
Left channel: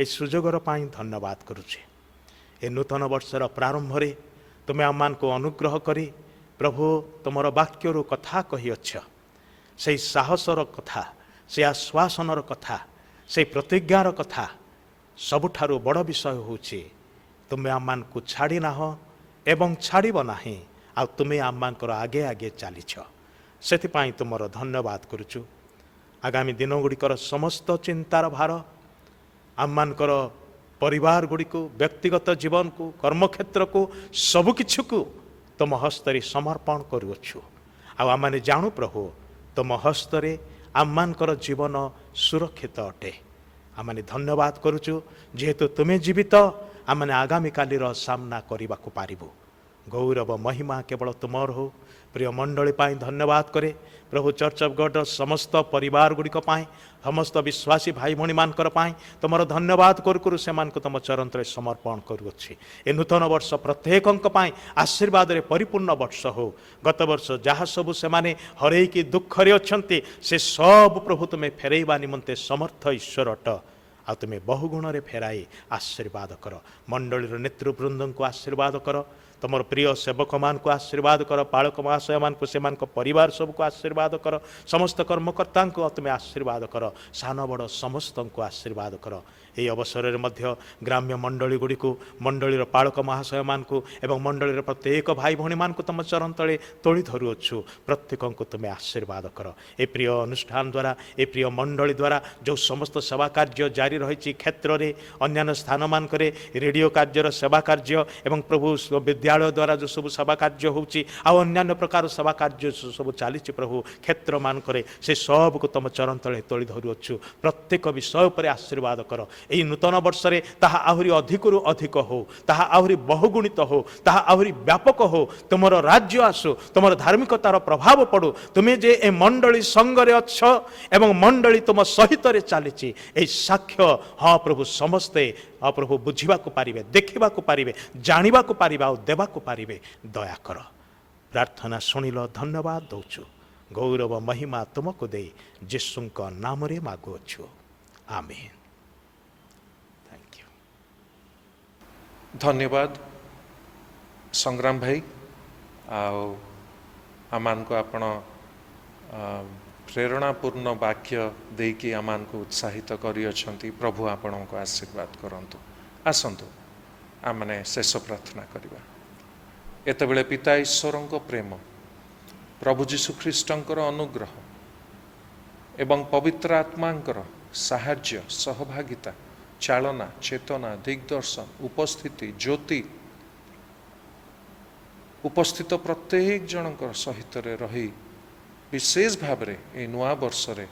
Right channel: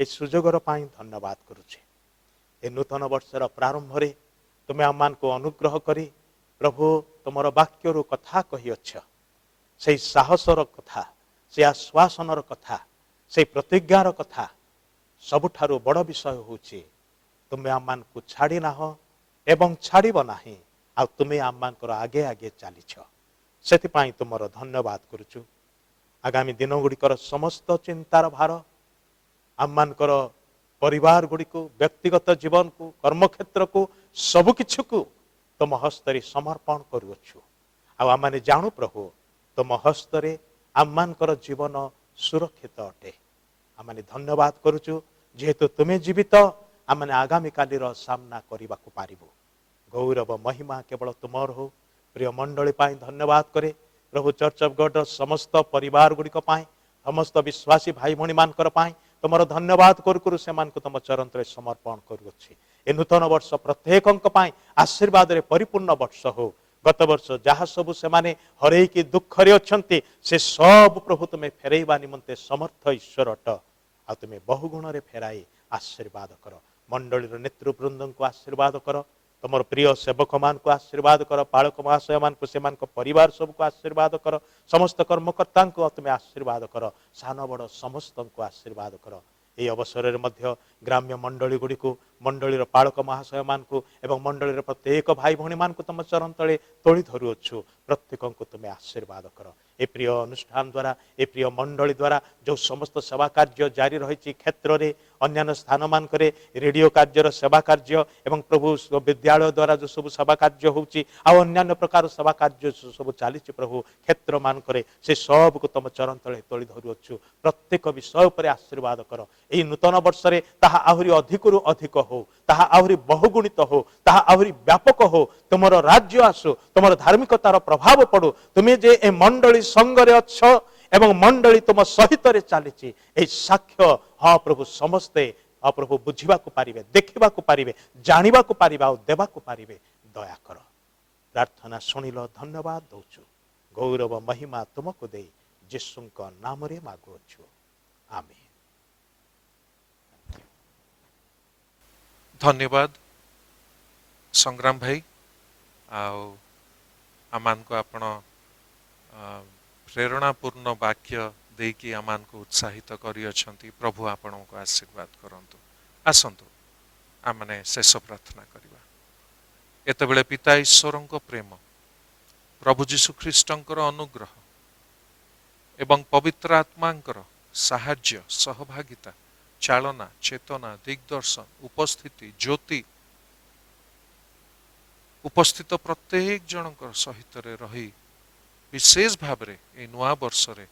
ଏ ସୁଯୋଗର ପାଇଁ ଧନ୍ୟବାଦ କରୁଛି। ଏ ନୂତନ ବର୍ଷର ପ୍ରାରମ୍ଭରେ ତୁମେ ଆମମାନଙ୍କୁ ଅନୁଗ୍ରହ କରି ପ୍ରଭୁ ତୁମର ବାକ୍ୟରୁ କଥା କହିଅଛ। ସେହି ସାହସର କଥା, ସେ ଆଶ୍ୱାସନର କଥା, ସେହି ପ୍ରତିଜ୍ଞାର କଥା। ସବୁଠାରୁ ବଡ଼ ବିଷୟ ହେଉଛି ତୁମେ ଆମମାନଙ୍କୁ ଛାଡ଼ି ନାହଁ ଏବଂ ଛାଡ଼ିବ ନାହିଁ, ଆଉ ତୁମେ ଆମମାନଙ୍କର ଆଗେ ଆଗେ ଚାଲିଛ। ସେଥିପାଇଁ ତୁମର ଧନ୍ୟବାଦ କରୁଛୁ। ଆଗାମୀ ଦିନଗୁଡ଼ିକର ସମସ୍ତ ଚିନ୍ତାର ଭାର, ଆମମାନଙ୍କର ପରିବାର ଗୁଡ଼ିକୁ, ବ୍ୟକ୍ତିଗତ ଜୀବନକୁ, କର୍ମକ୍ଷେତ୍ରକୁ, ସବୁକିଛିକୁ ତୁମ ହସ୍ତରେ ସମର୍ପଣ କରୁଅଛୁ। ଆଉ ଆମେ ଜାଣୁ ପ୍ରଭୁ, ତୁମ ହସ୍ତରେ ଆମମାନଙ୍କର ଜୀବନ ସୁରକ୍ଷିତ ଅଟେ। ଆମେ ଧନ୍ୟବାଦ କରୁଛୁ, ଯେହେତୁ ତୁମେ ଜୀବିତ, ଆମେ ଆଗାମୀକାଲିର ସାମ୍ନା କରିବାକୁ ପାରିବୁ। ଗୌରବ ମହିମା କେବଳ ତୁମର ହଉ। ପ୍ରିୟ ମଣ୍ଡଳୀ ପାଇଁ ଧନ୍ୟବାଦ କରେ ପ୍ରଭୁ। ଚର୍ଚ୍ଚ ଅଫ୍ ଗଡ୍ର ସମସ୍ତ ପରିବାର ଗୁଡ଼ିକ ପାଇଁ, ସମସ୍ତ ବିଶ୍ୱାସୀ ଭାଇ ଭଉଣୀମାନଙ୍କର ପାଇଁ ତୁମର ଧନ୍ୟବାଦ କରୁ କରୁ ସେମାନଙ୍କୁ ତୁମ ଚରଣରେ ସମର୍ପଣ କରୁଅଛି। ଏ ନୂତନ ବର୍ଷ ପ୍ରତ୍ୟେକଙ୍କ ପାଇଁ ଆଶୀର୍ବାଦରେ ପରିପୂର୍ଣ୍ଣ ବର୍ଷ ହେଉ। ଗତ ବର୍ଷ ଯାହା ସବୁ ସେମାନେ ହରେଇକି ଦୁଃଖରେ ଅଛନ୍ତି, ସେ ସବୁ ପ୍ରଭୁ ତୁମେ ଫେରାଇବା ନିମନ୍ତେ ସମର୍ଥ ଈଶ୍ୱର ଅଟ। ଆଉ ତୁମେ ବହୁଗୁଣରେ ଫେରାଇ ଆଶୀର୍ବାଦ କର। ମଣ୍ଡଳୀର ନେତୃବୃନ୍ଦଙ୍କୁ ଆଶୀର୍ବାଦ କର। ତୁମର ପ୍ରିୟ ସେବକମାନଙ୍କୁ ଆଶୀର୍ବାଦ କର। ପାଳକ ମହାଶୟମାନଙ୍କୁ, ସେମାନଙ୍କ ପରିବାର ସବୁକୁ ଆଶୀର୍ବାଦ କର। ସମସ୍ତ କର୍ମକର୍ତ୍ତାଙ୍କୁ ତୁମେ ଆଶୀର୍ବାଦ କର। ସାନ ବଡ଼ ସମସ୍ତଙ୍କୁ ଆଶୀର୍ବାଦ କର। ଏହି ଅବସରରେ ମଧ୍ୟ ଗ୍ରାମ୍ୟ ମଣ୍ଡଳୀ ଗୁଡ଼ିକୁ, ମଣ୍ଡଳୀର ପାଳକ ମହାଶୟମାନଙ୍କୁ ଏବଂ ମଣ୍ଡଳୀର ପ୍ରତ୍ୟେକ ଭାଇ ଭଉଣୀମାନଙ୍କୁ ତୁମ ଚରଣ ତଳେ ତୋଳି ଧରୁଅଛୁ। ପ୍ରତ୍ୟେକଙ୍କୁ ତୁମେ ଆଶୀର୍ବାଦ କର। ଏ ପ୍ରିୟ ଅନୁଷ୍ଠାନ ଦ୍ୱାରା, ଏ ପ୍ରିୟ ମଣ୍ଡଳୀ ଦ୍ୱାରା ଯେଉଁ ସମସ୍ତ ସେବା କାର୍ଯ୍ୟ ଜାରି ରହିଛି କ୍ଷେତ୍ରରେ, ଅନ୍ୟାନ୍ୟ ସ୍ଥାନମାନଙ୍କରେ ରେଡ଼ିଓ କାର୍ଯ୍ୟର ସେବା କାର୍ଯ୍ୟ ଏବଂ ପ୍ରଭୁ ବିଦ୍ୟାଳୟ ଦ୍ୱାରା ଯେଉଁ ସବୁ ସେବା କାର୍ଯ୍ୟ ହେଉଛି, ଆଉ ଅନ୍ୟାନ୍ୟ ପ୍ରକାର ସେବା କାର୍ଯ୍ୟ ସବୁ ଚାଲିଛି ପ୍ରଭୁ କ୍ଷେତ୍ରମାନଙ୍କରେ, ସେ ସବୁକୁ ତୁମ ଚରଣ ତଳେ ତୋଳି ଧରୁଅଛୁ। ପ୍ରତ୍ୟେକ ବିଷୟ ଉପରେ ଆଶୀର୍ବାଦ କର। ଏହି ନୂତନ ବର୍ଷରେ ତାହା ଆହୁରି ଅଧିକରୁ ଅଧିକ ହେଉ, ତାହା ଆହୁରି ବହୁଗୁଣିତ ହେଉ, ତାହା ଆହୁରି ବ୍ୟାପକ ହେଉ। ତୁମର ରାଜ୍ୟ ଆସୁ, ତୁମର ଧାର୍ମିକତାର ପ୍ରଭାବ ପଡ଼ୁ। ତୁମେ ଯେ ଏ ମଣ୍ଡଳୀ ସଙ୍ଗରେ ଅଛ ଏବଂ ମଣ୍ଡଳୀ ତୁମ ସହିତରେ ଚାଲିଛି, ଏହି ସାକ୍ଷ୍ୟ ହଁ ପ୍ରଭୁ ସମସ୍ତେ ପ୍ରଭୁ ବୁଝିବାକୁ ପାରିବେ, ଦେଖିବାକୁ ପାରିବେ, ଜାଣିବାକୁ ପାରିବେ ଆଉ ଦେବାକୁ ପାରିବେ। ଦୟାକର। ପ୍ରାର୍ଥନା ଶୁଣିଲ, ଧନ୍ୟବାଦ ଦେଉଛୁ। ଗୌରବ ମହିମା ତୁମକୁ ଦେଇ ଯୀଶୁଙ୍କ ନାମରେ ମାଗୁଅଛୁ। ଆମେନ୍। ଧନ୍ୟବାଦ ସଂଗ୍ରାମ ଭାଇ। आमानको आपण प्रेरणापूर्ण वाक्य देकी आमानको उत्साहित करिअछंती। प्रभु आपणको आशीर्वाद करंतु। आसंतु आमने शेष प्रार्थना करिबा। एतबेले पिता ईश्वरंको प्रेम, प्रभु जीशु ख्रीष्टंकर अनुग्रह एवं पवित्र आत्मांकर साहाय्य, सहभागिता, चालना, चेतना, दिग्दर्शन, उपस्थिति, ज्योति उपस्थित प्रत्येक जनकर सहित रही विशेष भाव रे ए नुआ वर्ष रे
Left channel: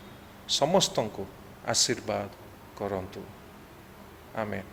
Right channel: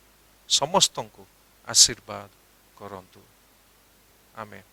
समस्त को आशीर्वाद करंतु। आमेन।